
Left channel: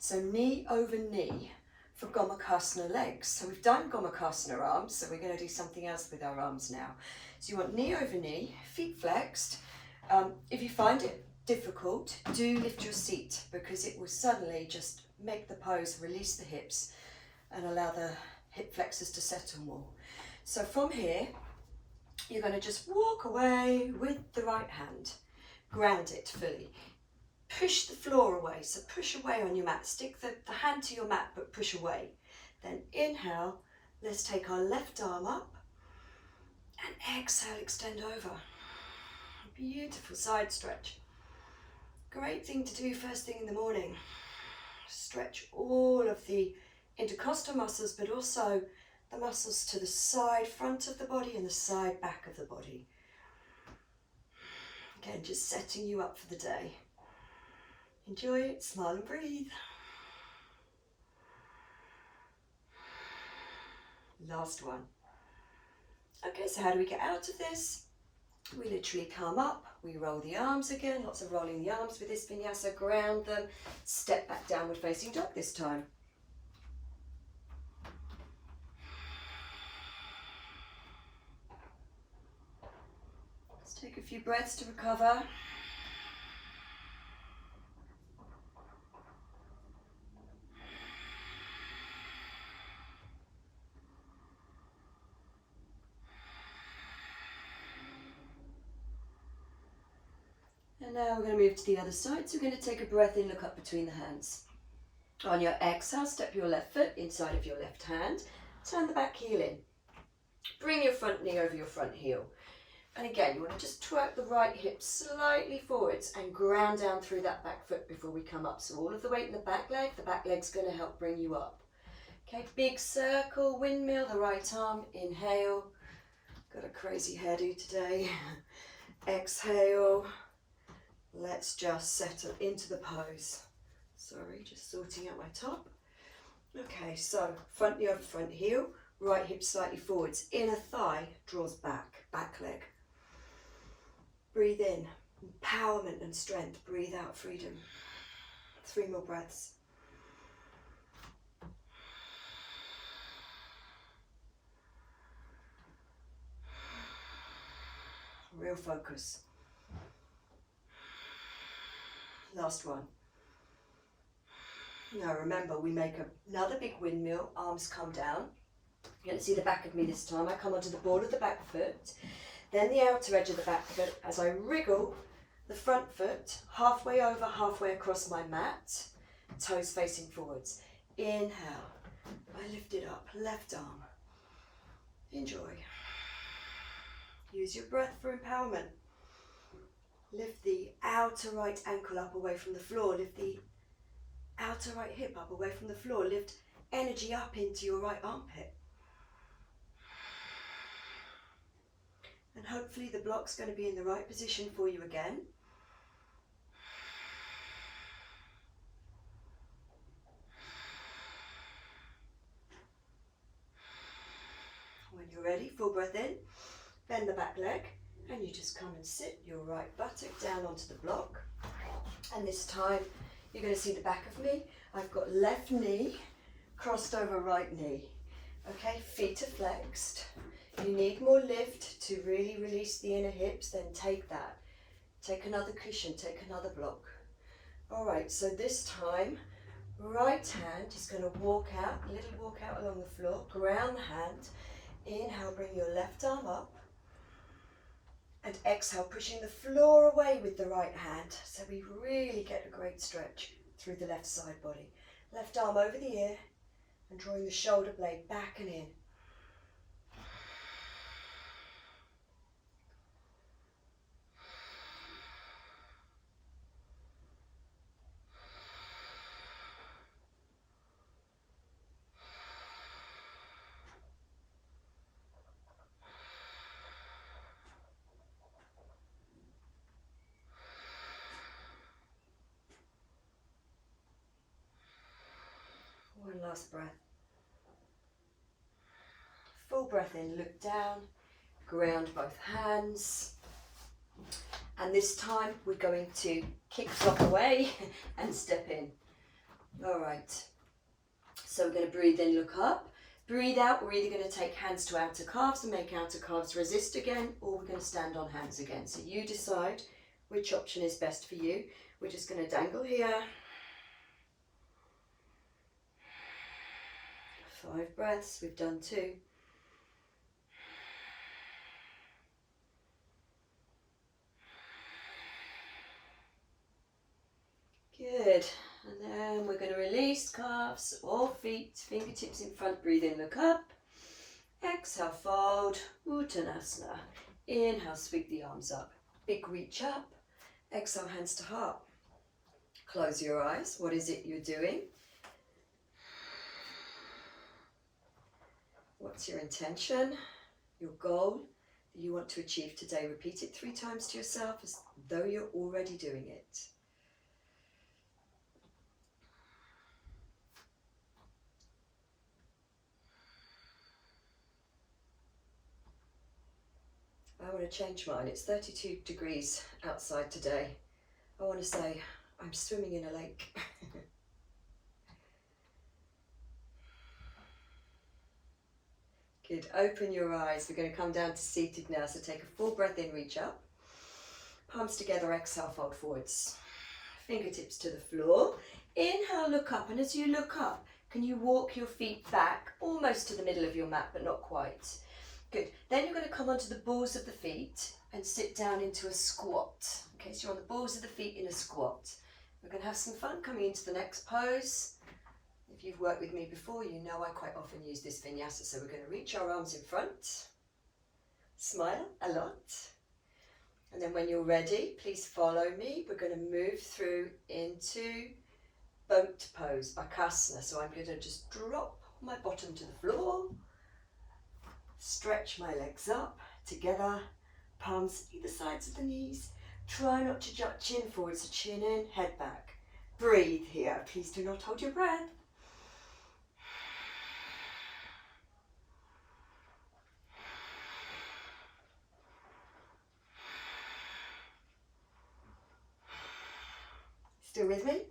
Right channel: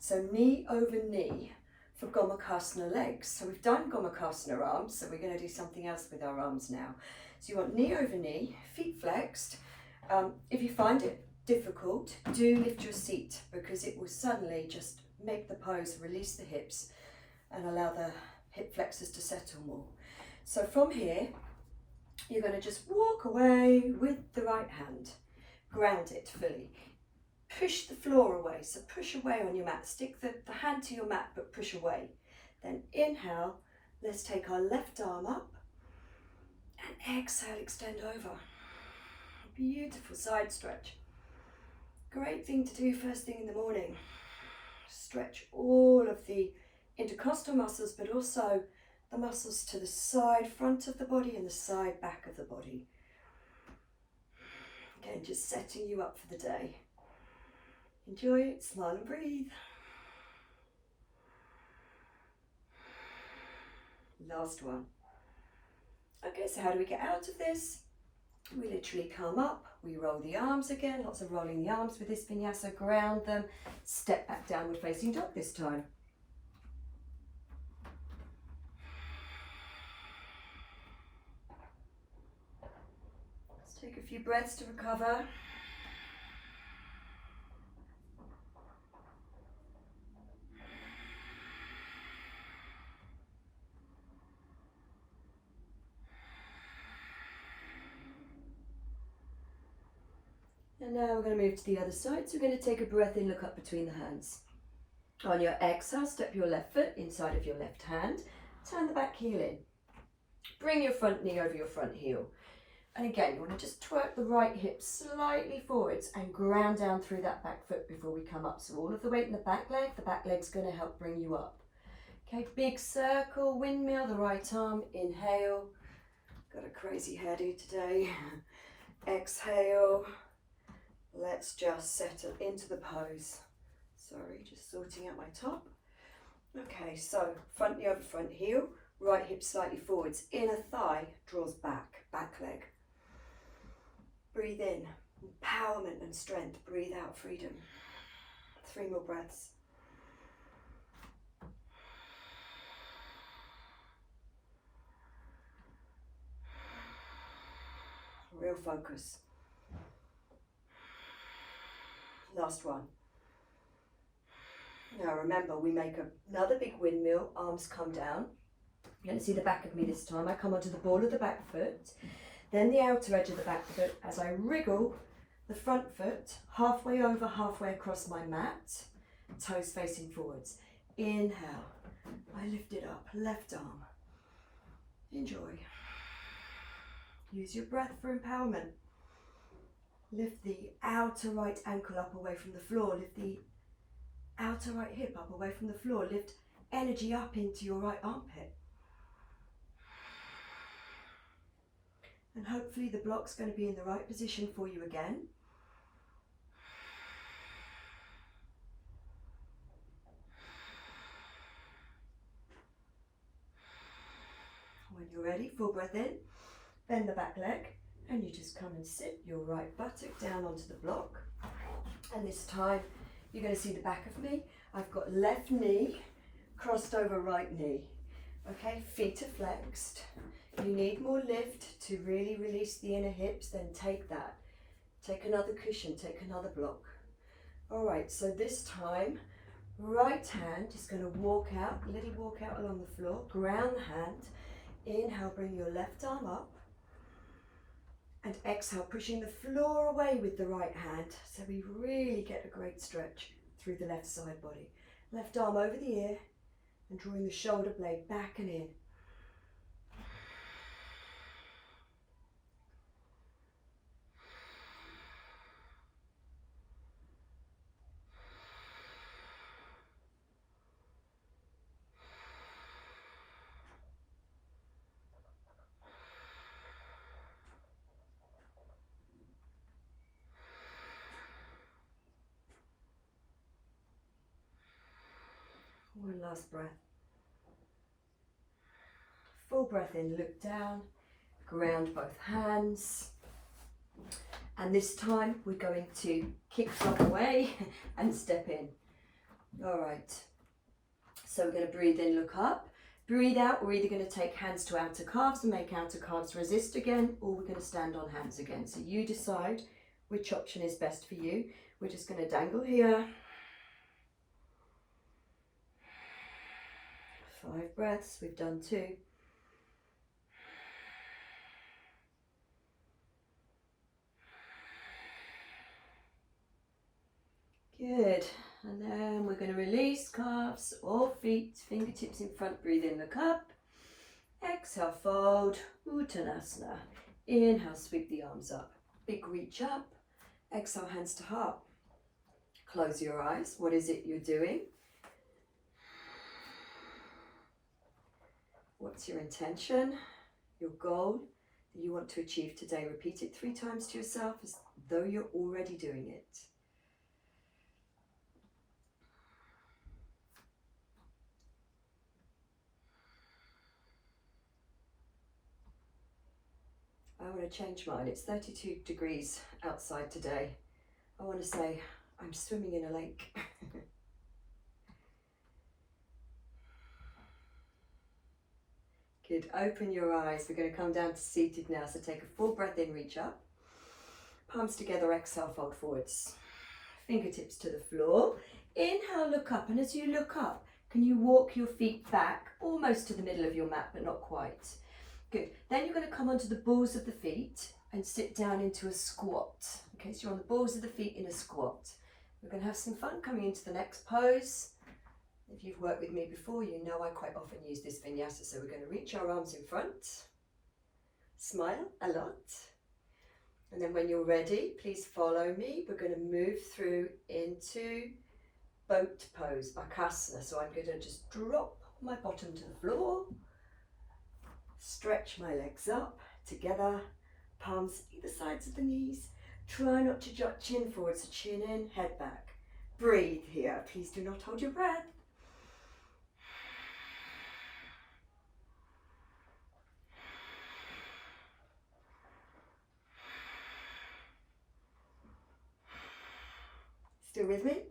So knee over knee for Gomukhasana legs. So we've done Gomukhasana arms, so we're going to do something else with our arms now. So you want knee over knee, feet flexed. If you find it difficult, do lift your seat because it will suddenly just make the pose, release the hips and allow the hip flexors to settle more. So from here, you're going to just walk away with the right hand. Ground it fully. Push the floor away, so push away on your mat. Stick the hand to your mat, but push away. Then inhale, let's take our left arm up and exhale, extend over. Beautiful side stretch. Great thing to do first thing in the morning. Stretch all of the intercostal muscles, but also the muscles to the side front of the body and the side back of the body. Again, just setting you up for the day. Enjoy it, smile and breathe. Last one. Okay, so how do we get out of this? We literally come up, we roll the arms again, lots of rolling the arms with this vinyasa, ground them, step back downward facing dog this time. Let's take a few breaths to recover. And now we're going to move to the other side. So we're going to take a breath in, look up between the hands. On your exhale, step your left foot inside of your left hand. Turn the back heel in. Bring your front knee over your front heel. And again, you want to just twerk the right hip slightly forwards and ground down through that back foot before we come up. So all of the weight in the back leg's going to help bring you up. Okay, big circle, windmill, the right arm, inhale. Got a crazy hairdo today. Exhale. Let's just settle into the pose. Sorry, just sorting out my top. Okay, so front knee over front heel, right hip slightly forwards, inner thigh draws back, back leg. Breathe in, empowerment and strength. Breathe out, freedom. 3 more breaths. Real focus. Last one. Now remember, we make another big windmill, arms come down. You're going to see the back of me this time. I come onto the ball of the back foot, then the outer edge of the back foot as I wriggle the front foot halfway over, halfway across my mat, toes facing forwards. Inhale, I lift it up, left arm. Enjoy. Use your breath for empowerment. Lift the outer right ankle up away from the floor. Lift the outer right hip up away from the floor. Lift energy up into your right armpit. And hopefully the block's going to be in the right position for you again. When you're ready, full breath in, bend the back leg, and you just come and sit your right buttock down onto the block. And this time you're going to see the back of me. I've got left knee crossed over right knee. Okay, feet are flexed. You need more lift to really release the inner hips, then take that. Take another cushion, take another block. All right, so this time, right hand is going to walk out, little walk out along the floor, ground the hand. Inhale, bring your left arm up. And exhale, pushing the floor away with the right hand. So we really get a great stretch through the left side body. Left arm over the ear and drawing the shoulder blade back and in. One last breath. Full breath in, look down, ground both hands. And this time we're going to kick top away and step in. All right. So we're going to breathe in, look up. Breathe out, we're either going to take hands to outer calves and make outer calves resist again, or we're going to stand on hands again. So you decide which option is best for you. We're just going to dangle here. 5 breaths, we've done 2. Good, and then we're going to release calves or feet, fingertips in front, breathe in, look up. Exhale, fold, Uttanasana. Inhale, sweep the arms up. Big reach up. Exhale, hands to heart. Close your eyes. What is it you're doing? What's your intention, your goal that you want to achieve today? Repeat it 3 times to yourself as though you're already doing it. I want to change mine. It's 32 degrees outside today. I want to say I'm swimming in a lake. Good, open your eyes. We're going to come down to seated now. So take a full breath in, reach up. Palms together, exhale, fold forwards. Fingertips to the floor. Inhale, look up. And as you look up, can you walk your feet back almost to the middle of your mat, but not quite. Good. Then you're going to come onto the balls of the feet and sit down into a squat. Okay, so you're on the balls of the feet in a squat. We're going to have some fun coming into the next pose. If you've worked with me before, you know I quite often use this vinyasa. So we're going to reach our arms in front, smile a lot. And then when you're ready, please follow me. We're going to move through into boat pose, bakasana. So I'm going to just drop my bottom to the floor, stretch my legs up together, palms either sides of the knees. Try not to jut chin forward, so chin in, head back. Breathe here. Please do not hold your breath. Still with me?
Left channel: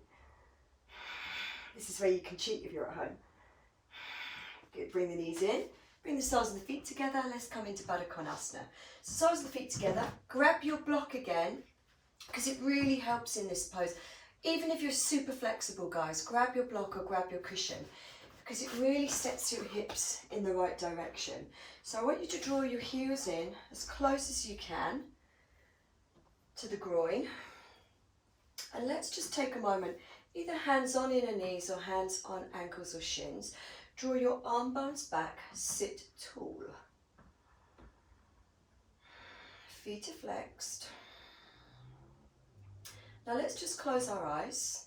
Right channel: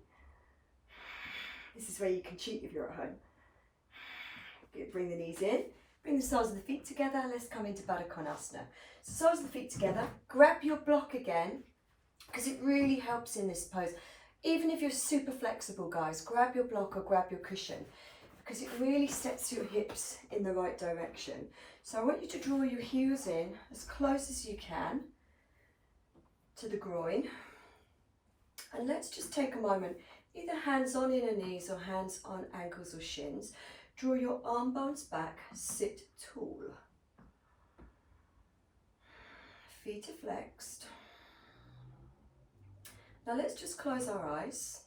This is where you can cheat if you're at home. Good. Bring the knees in. Bring the soles of the feet together. Let's come into Baddha Konasana. Soles of the feet together. Grab your block again, because it really helps in this pose. Even if you're super flexible, guys, grab your block or grab your cushion, because it really sets your hips in the right direction. So I want you to draw your heels in as close as you can to the groin. And let's just take a moment, either hands on inner knees or hands on ankles or shins. Draw your arm bones back, sit tall. Feet are flexed. Now let's just close our eyes.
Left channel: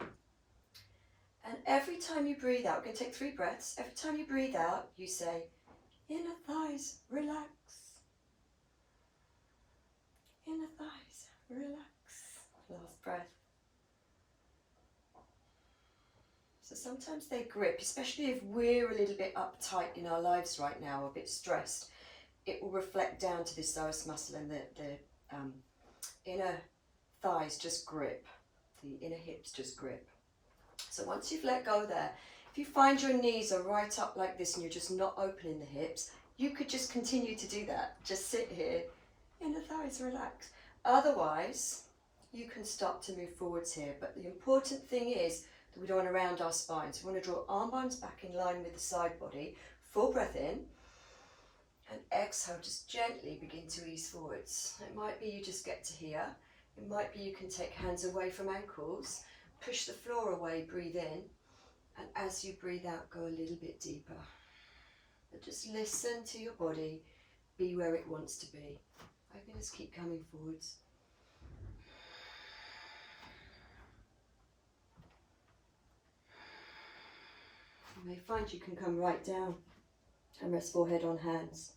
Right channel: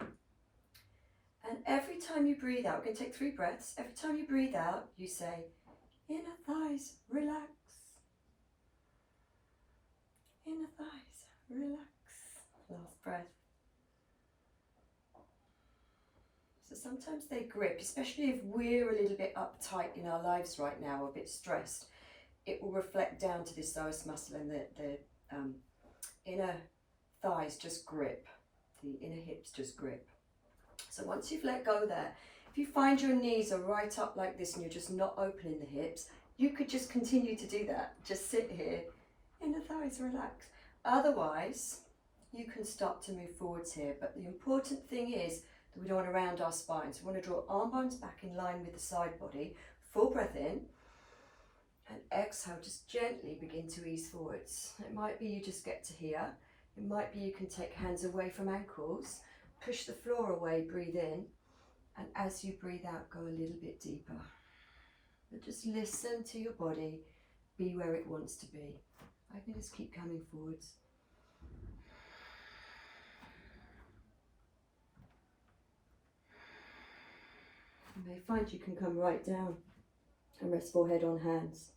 And every time you breathe out, we're going to take 3 breaths. Every time you breathe out, you say, inner thighs, relax. Inner thighs, relax. Last breath. So sometimes they grip, especially if we're a little bit uptight in our lives right now, a bit stressed. It will reflect down to this psoas muscle, and the inner thighs just grip. The inner hips just grip. So once you've let go there, if you find your knees are right up like this and you're just not opening the hips, you could just continue to do that. Just sit here, inner thighs relax. Otherwise, you can start to move forwards here. But the important thing is that we don't want to round our spine. So we want to draw arm bones back in line with the side body. Full breath in. And exhale, just gently begin to ease forwards. It might be you just get to here. It might be you can take hands away from ankles. Push the floor away, breathe in. And as you breathe out, go a little bit deeper. But just listen to your body. Be where it wants to be. I can just keep coming forwards. You may find you can come right down and rest forehead on hands.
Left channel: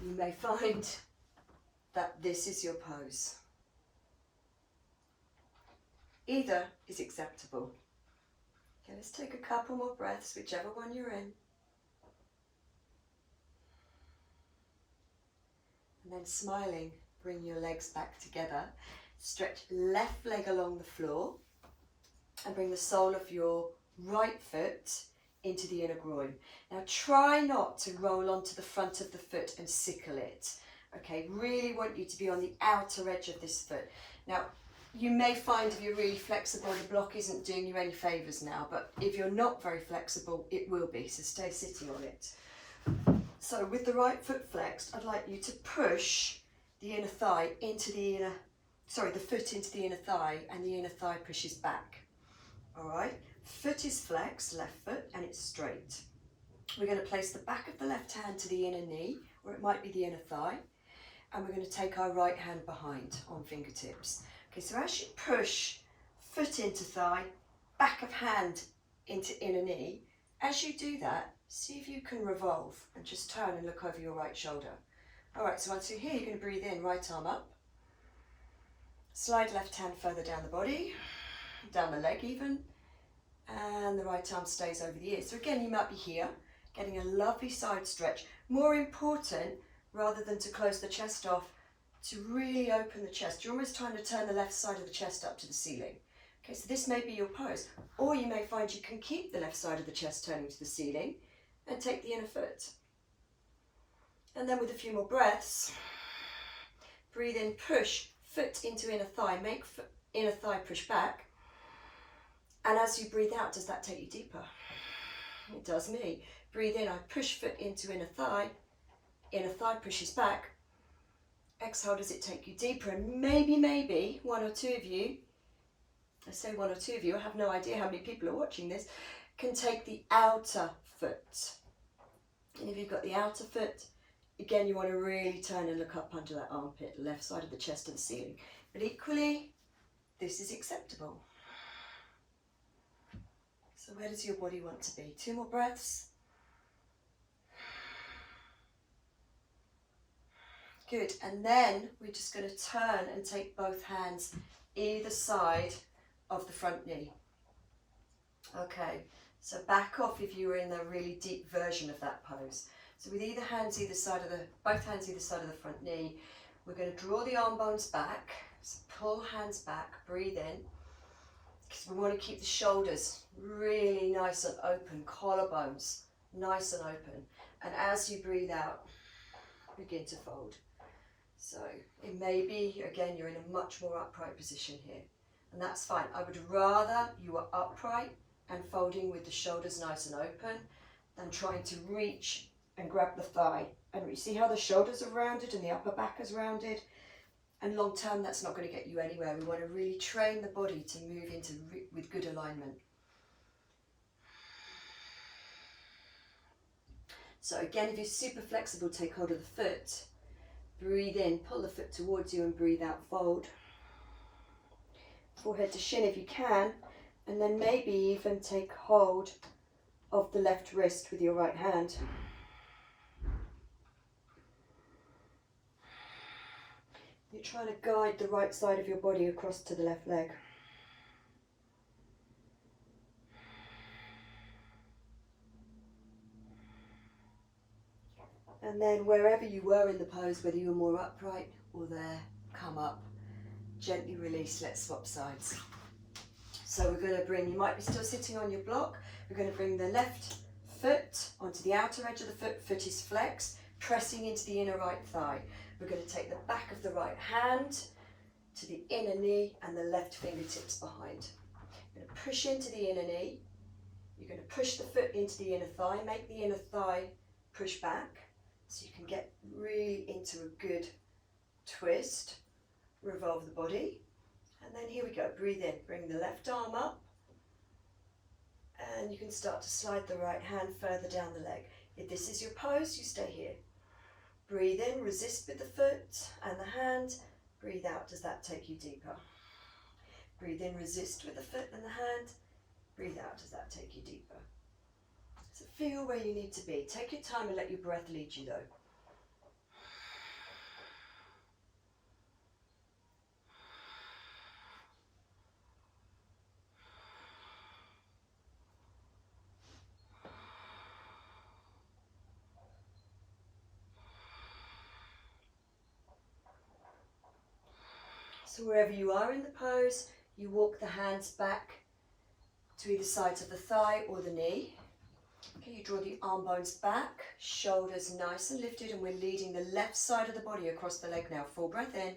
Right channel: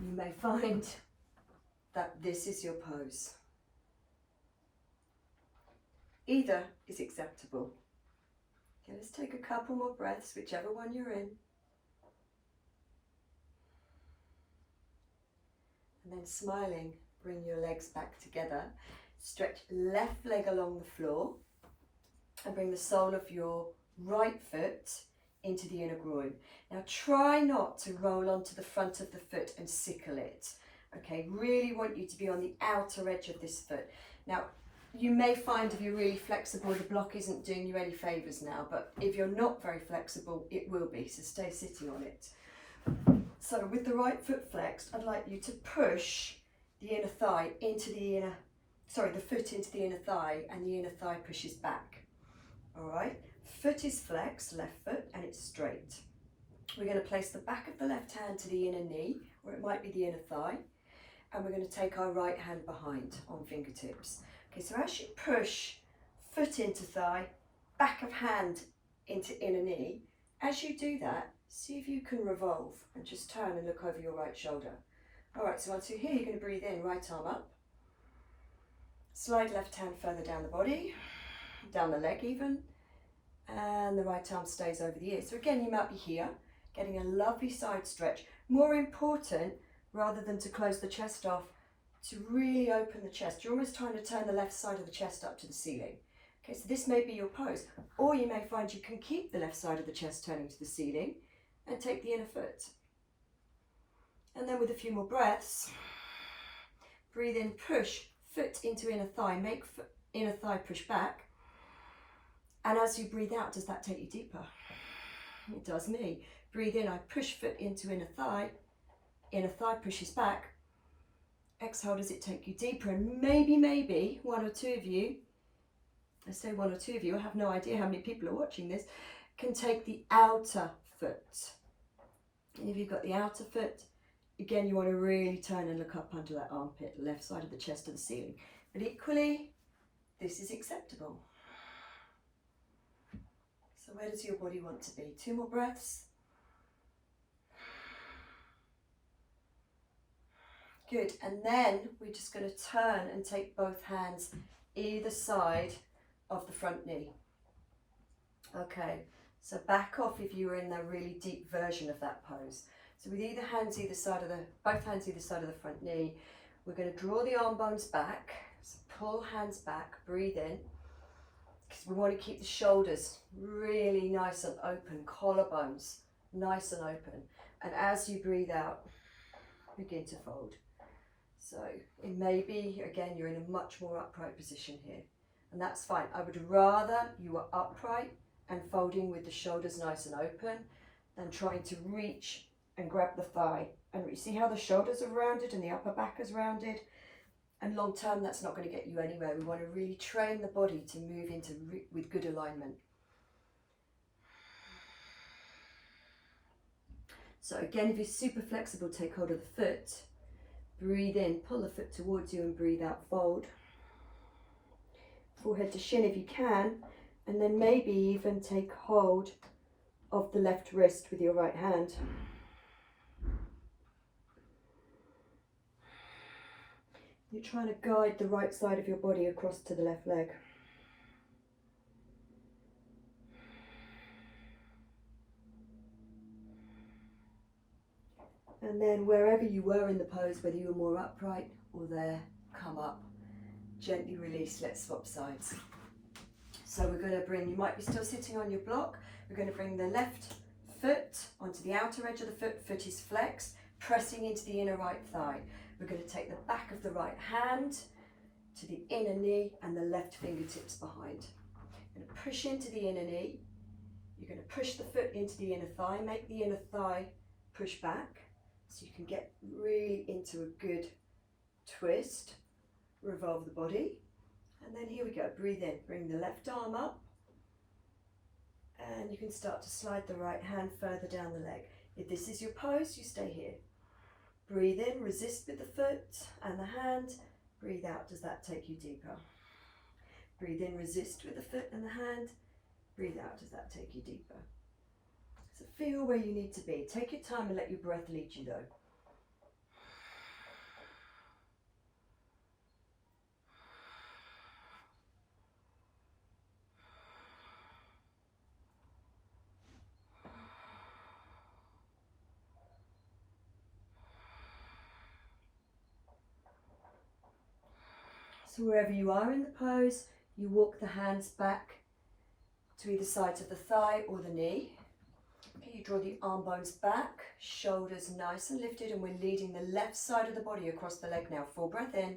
You may find that this is your pose. Either is acceptable. Okay, let's take a couple more breaths, whichever one you're in. And then smiling, bring your legs back together. Stretch left leg along the floor and bring the sole of your right foot into the inner groin. Now try not to roll onto the front of the foot and sickle it. Okay, really want you to be on the outer edge of this foot. Now you may find if you're really flexible, the block isn't doing you any favours now, but if you're not very flexible, it will be, so stay sitting on it. So with the right foot flexed, I'd like you to push the inner thigh into the inner, the foot into the inner thigh, and the inner thigh pushes back. All right, foot is flexed, left foot, and it's straight. We're going to place the back of the left hand to the inner knee, or it might be the inner thigh, and we're going to take our right hand behind on fingertips. Okay, so as you push foot into thigh, back of hand into inner knee, as you do that, see if you can revolve and just turn and look over your right shoulder. All right, so once you're here, you're going to breathe in, right arm up. Slide left hand further down the body, down the leg even, and the right arm stays over the ears. So again, you might be here, getting a lovely side stretch. More important, rather than to close the chest off, to really open the chest. You're almost trying to turn the left side of the chest up to the ceiling. Okay, so this may be your pose, or you may find you can keep the left side of the chest turning to the ceiling and take the inner foot. And then with a few more breaths, breathe in, push foot into inner thigh, make inner thigh push back. And as you breathe out, does that take you deeper? It does me. Breathe in, I push foot into inner thigh pushes back. Exhale, does it take you deeper? And maybe one or two of you, I say one or two of you, I have no idea how many people are watching this, can take the outer foot. And if you've got the outer foot, again, you want to really turn and look up under that armpit, left side of the chest to the ceiling. But equally, this is acceptable. So where does your body want to be? 2 more breaths. Good, and then we're just going to turn and take both hands either side of the front knee. Okay, so back off if you were in a really deep version of that pose. So with both hands either side of the front knee, we're going to draw the arm bones back. So pull hands back, breathe in, because we want to keep the shoulders really nice and open, collarbones nice and open. And as you breathe out, begin to fold. So it may be, again, you're in a much more upright position here, and that's fine. I would rather you were upright and folding with the shoulders nice and open than trying to reach and grab the thigh. And you see how the shoulders are rounded and the upper back is rounded? And long term, that's not going to get you anywhere. We want to really train the body to move into with good alignment. So again, if you're super flexible, take hold of the foot. Breathe in, pull the foot towards you and breathe out, fold. Forehead to shin if you can, and then maybe even take hold of the left wrist with your right hand. You're trying to guide the right side of your body across to the left leg. And then wherever you were in the pose, whether you were more upright or there, come up, gently release, let's swap sides. So we're going to bring, you might be still sitting on your block, we're going to bring the left foot onto the outer edge of the foot, foot is flexed, pressing into the inner right thigh. We're going to take the back of the right hand to the inner knee and the left fingertips behind. You're going to push into the inner knee, you're going to push the foot into the inner thigh, make the inner thigh push back, so you can get really into a good twist, revolve the body. And then here we go, breathe in, bring the left arm up, and you can start to slide the right hand further down the leg. If this is your pose, you stay here. Breathe in, resist with the foot and the hand, breathe out, does that take you deeper? Breathe in, resist with the foot and the hand, breathe out, does that take you deeper? So feel where you need to be. Take your time and let your breath lead you though. So wherever you are in the pose, you walk the hands back to either sides of the thigh or the knee. Okay, you draw the arm bones back, shoulders nice and lifted, and we're leading the left side of the body across the leg now. Full breath in,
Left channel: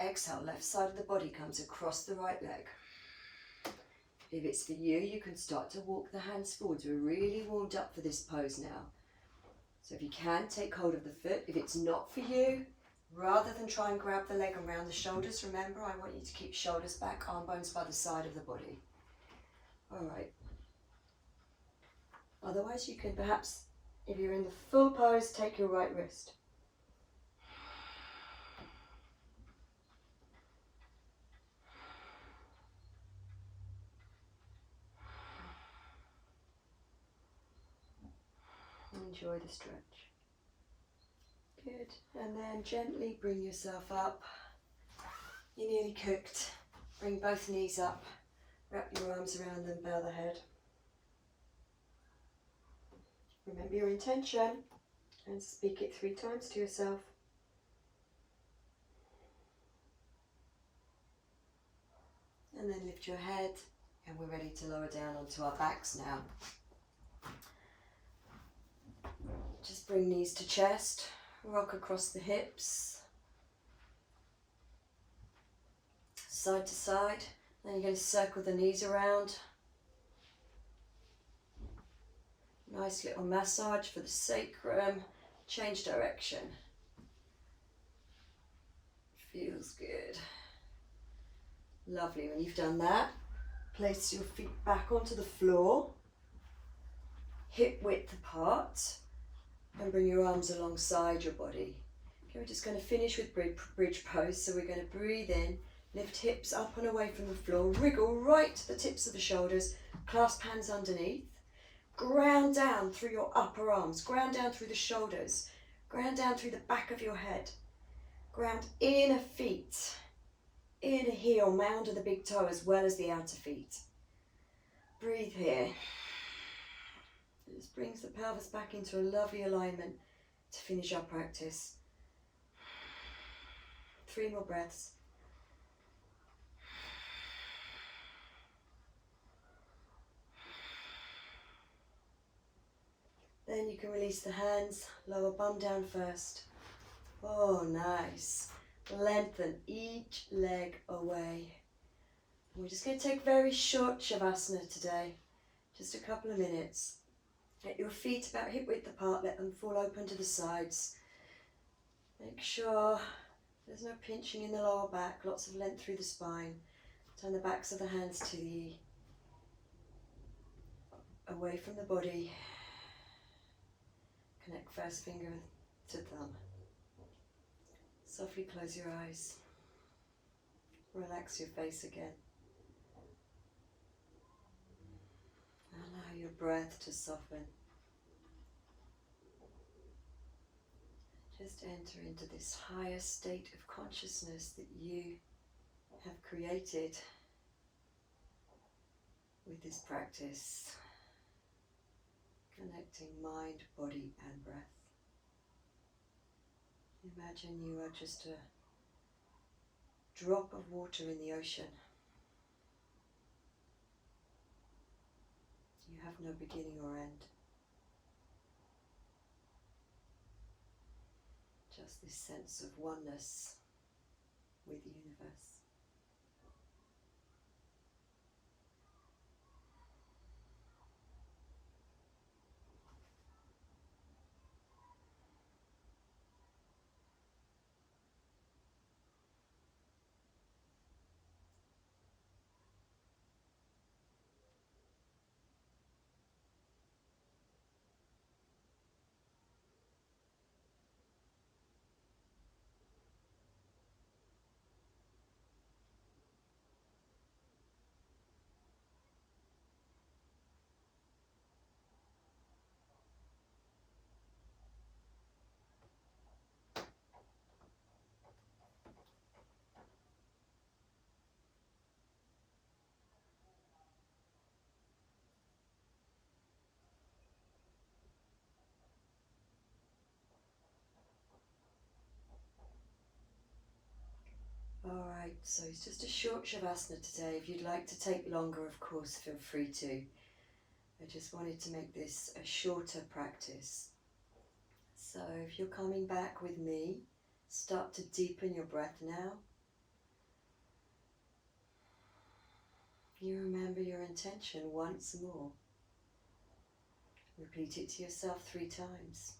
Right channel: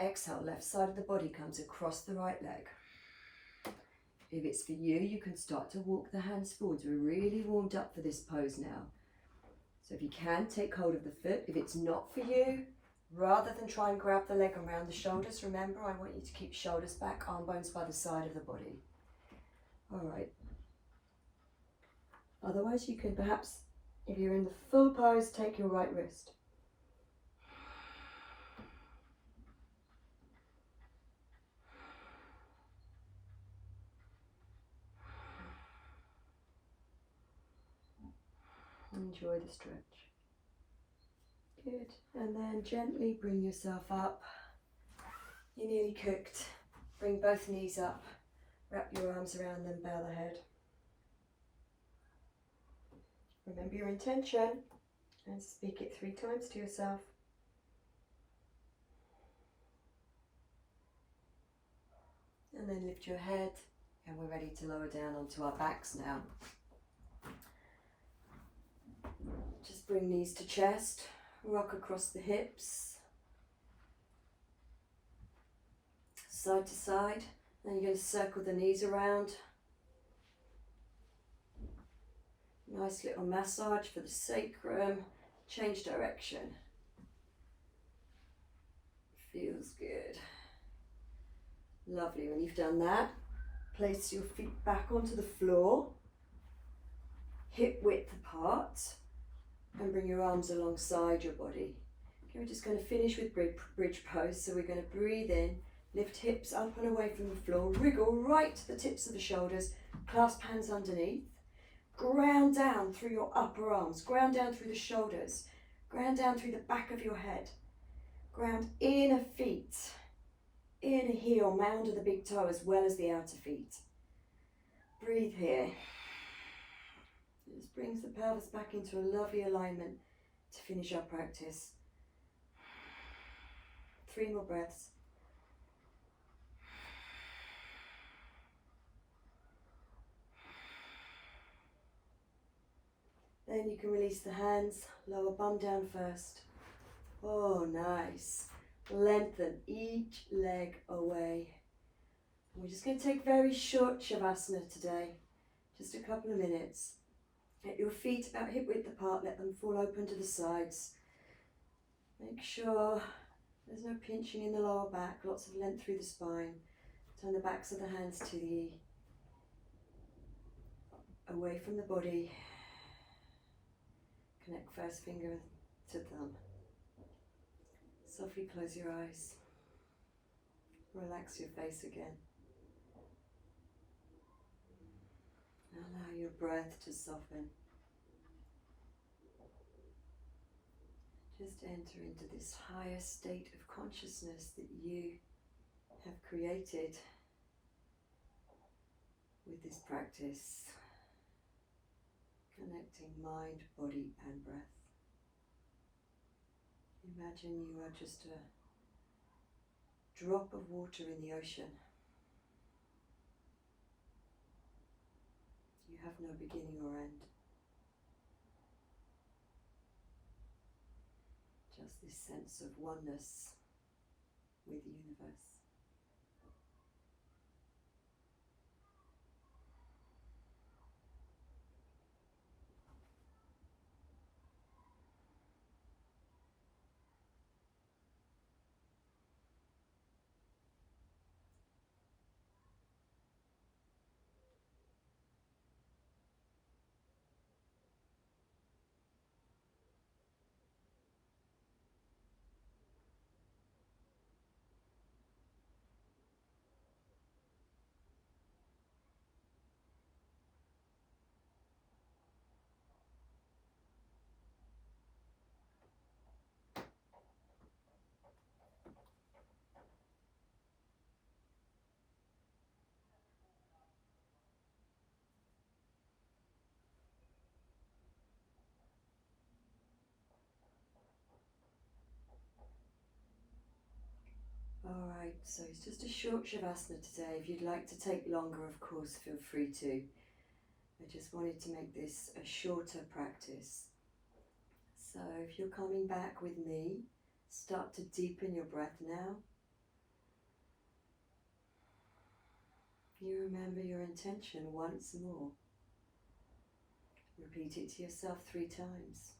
exhale, left side of the body comes across the right leg. If it's for you, you can start to walk the hands forwards. We're really warmed up for this pose now. So if you can, take hold of the foot. If it's not for you, rather than try and grab the leg around the shoulders, remember, I want you to keep shoulders back, arm bones by the side of the body. All right. Otherwise, you can perhaps, if you're in the full pose, take your right wrist. Enjoy the stretch. Good. And then gently bring yourself up. You're nearly cooked. Bring both knees up. Wrap your arms around them, bow the head. Remember your intention and speak it 3 times to yourself. And then lift your head, and we're ready to lower down onto our backs now. Just bring knees to chest, rock across the hips, side to side. Then you're going to circle the knees around. Nice little massage for the sacrum. Change direction. Feels good. Lovely. When you've done that, place your feet back onto the floor, hip width apart, and bring your arms alongside your body. Okay, we're just going to finish with bridge pose. So we're going to breathe in, lift hips up and away from the floor, wriggle right to the tips of the shoulders, clasp hands underneath, ground down through your upper arms, ground down through the shoulders, ground down through the back of your head, ground inner feet, inner heel, mound of the big toe as well as the outer feet. Breathe here. This brings the pelvis back into a lovely alignment to finish our practice. 3 more breaths. Then you can release the hands, lower bum down first. Oh, nice. Lengthen each leg away. We're just going to take very short Shavasana today, just a couple of minutes. Get your feet about hip width apart, let them fall open to the sides. Make sure there's no pinching in the lower back, lots of length through the spine. Turn the backs of the hands to the away from the body. Connect first finger to thumb. Softly close your eyes. Relax your face again. Allow your breath to soften. Just enter into this higher state of consciousness that you have created with this practice. Connecting mind, body and breath. Imagine you are just a drop of water in the ocean. You have no beginning or end. Just this sense of oneness with the universe. Alright, so it's just a short Shavasana today. If you'd like to take longer, of course, feel free to. I just wanted to make this a shorter practice. So if you're coming back with me, start to deepen your breath now. You remember your intention once more. Repeat it to yourself 3 times.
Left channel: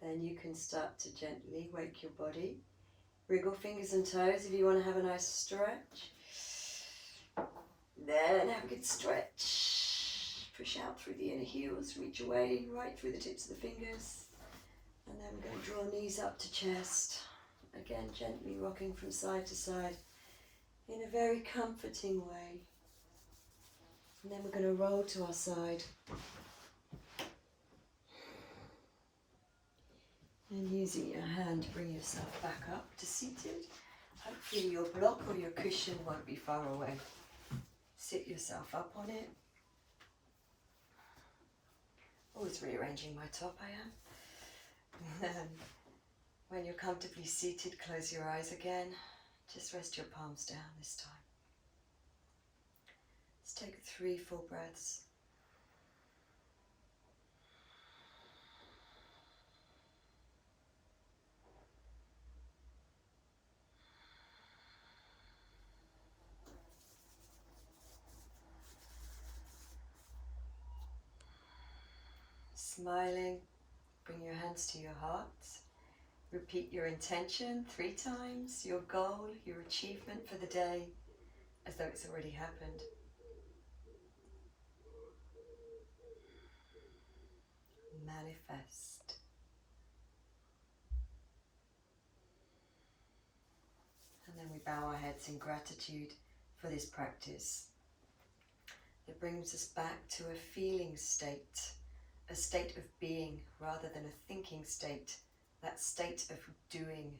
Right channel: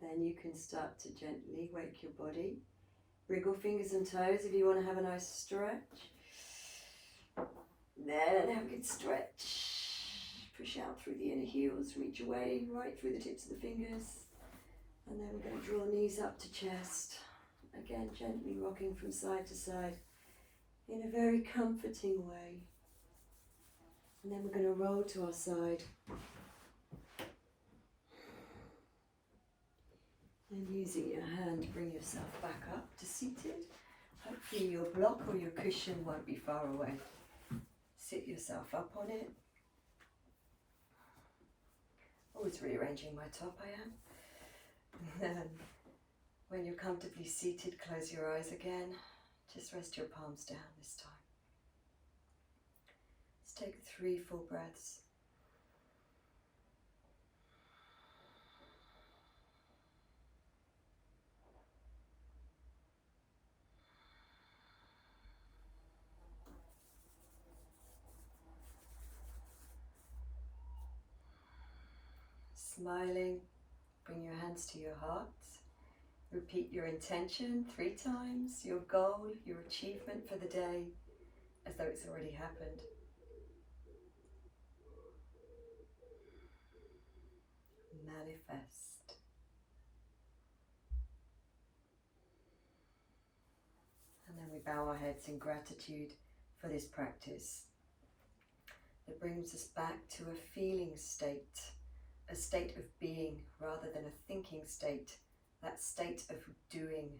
Then you can start to gently wake your body. Wriggle fingers and toes if you want to have a nice stretch. Then have a good stretch. Push out through the inner heels, reach away right through the tips of the fingers. And then we're going to draw knees up to chest. Again, gently rocking from side to side in a very comforting way. And then we're going to roll to our side. And using your hand, bring yourself back up to seated. Hopefully your block or your cushion won't be far away. Sit yourself up on it. Always rearranging my top, I am. And then when you're comfortably seated, close your eyes again. Just rest your palms down this time. Let's take 3 full breaths. Smiling, bring your hands to your heart. Repeat your intention 3 times, your goal, your achievement for the day, as though it's already happened. Manifest. And then we bow our heads in gratitude for this practice. It brings us back to a feeling state, a state of being rather than a thinking state, that state of doing.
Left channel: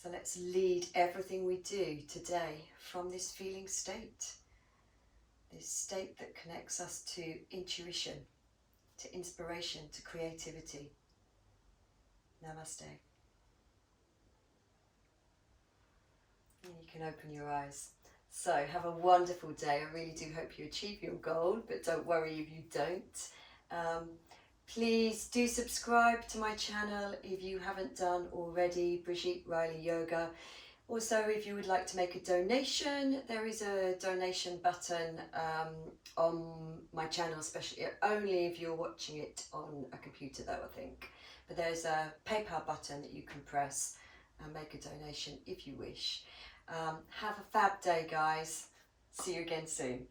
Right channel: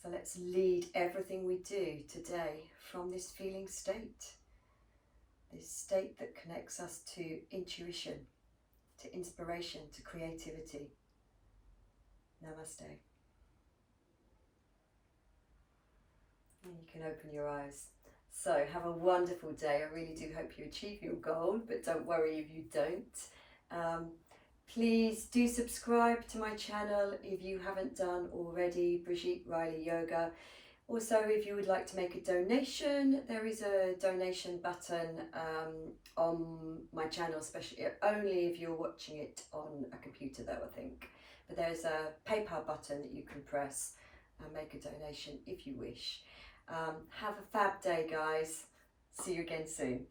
So let's lead everything we do today from this feeling state, this state that connects us to intuition, to inspiration, to creativity. Namaste. And you can open your eyes. So have a wonderful day. I really do hope you achieve your goal, but don't worry if you don't. Please do subscribe to my channel if you haven't done already, Brigitte Riley Yoga. Also, if you would like to make a donation, there is a donation button on my channel, especially only if you're watching it on a computer though, I think. But there's a PayPal button that you can press and make a donation if you wish. Have a fab day, guys. See you again soon.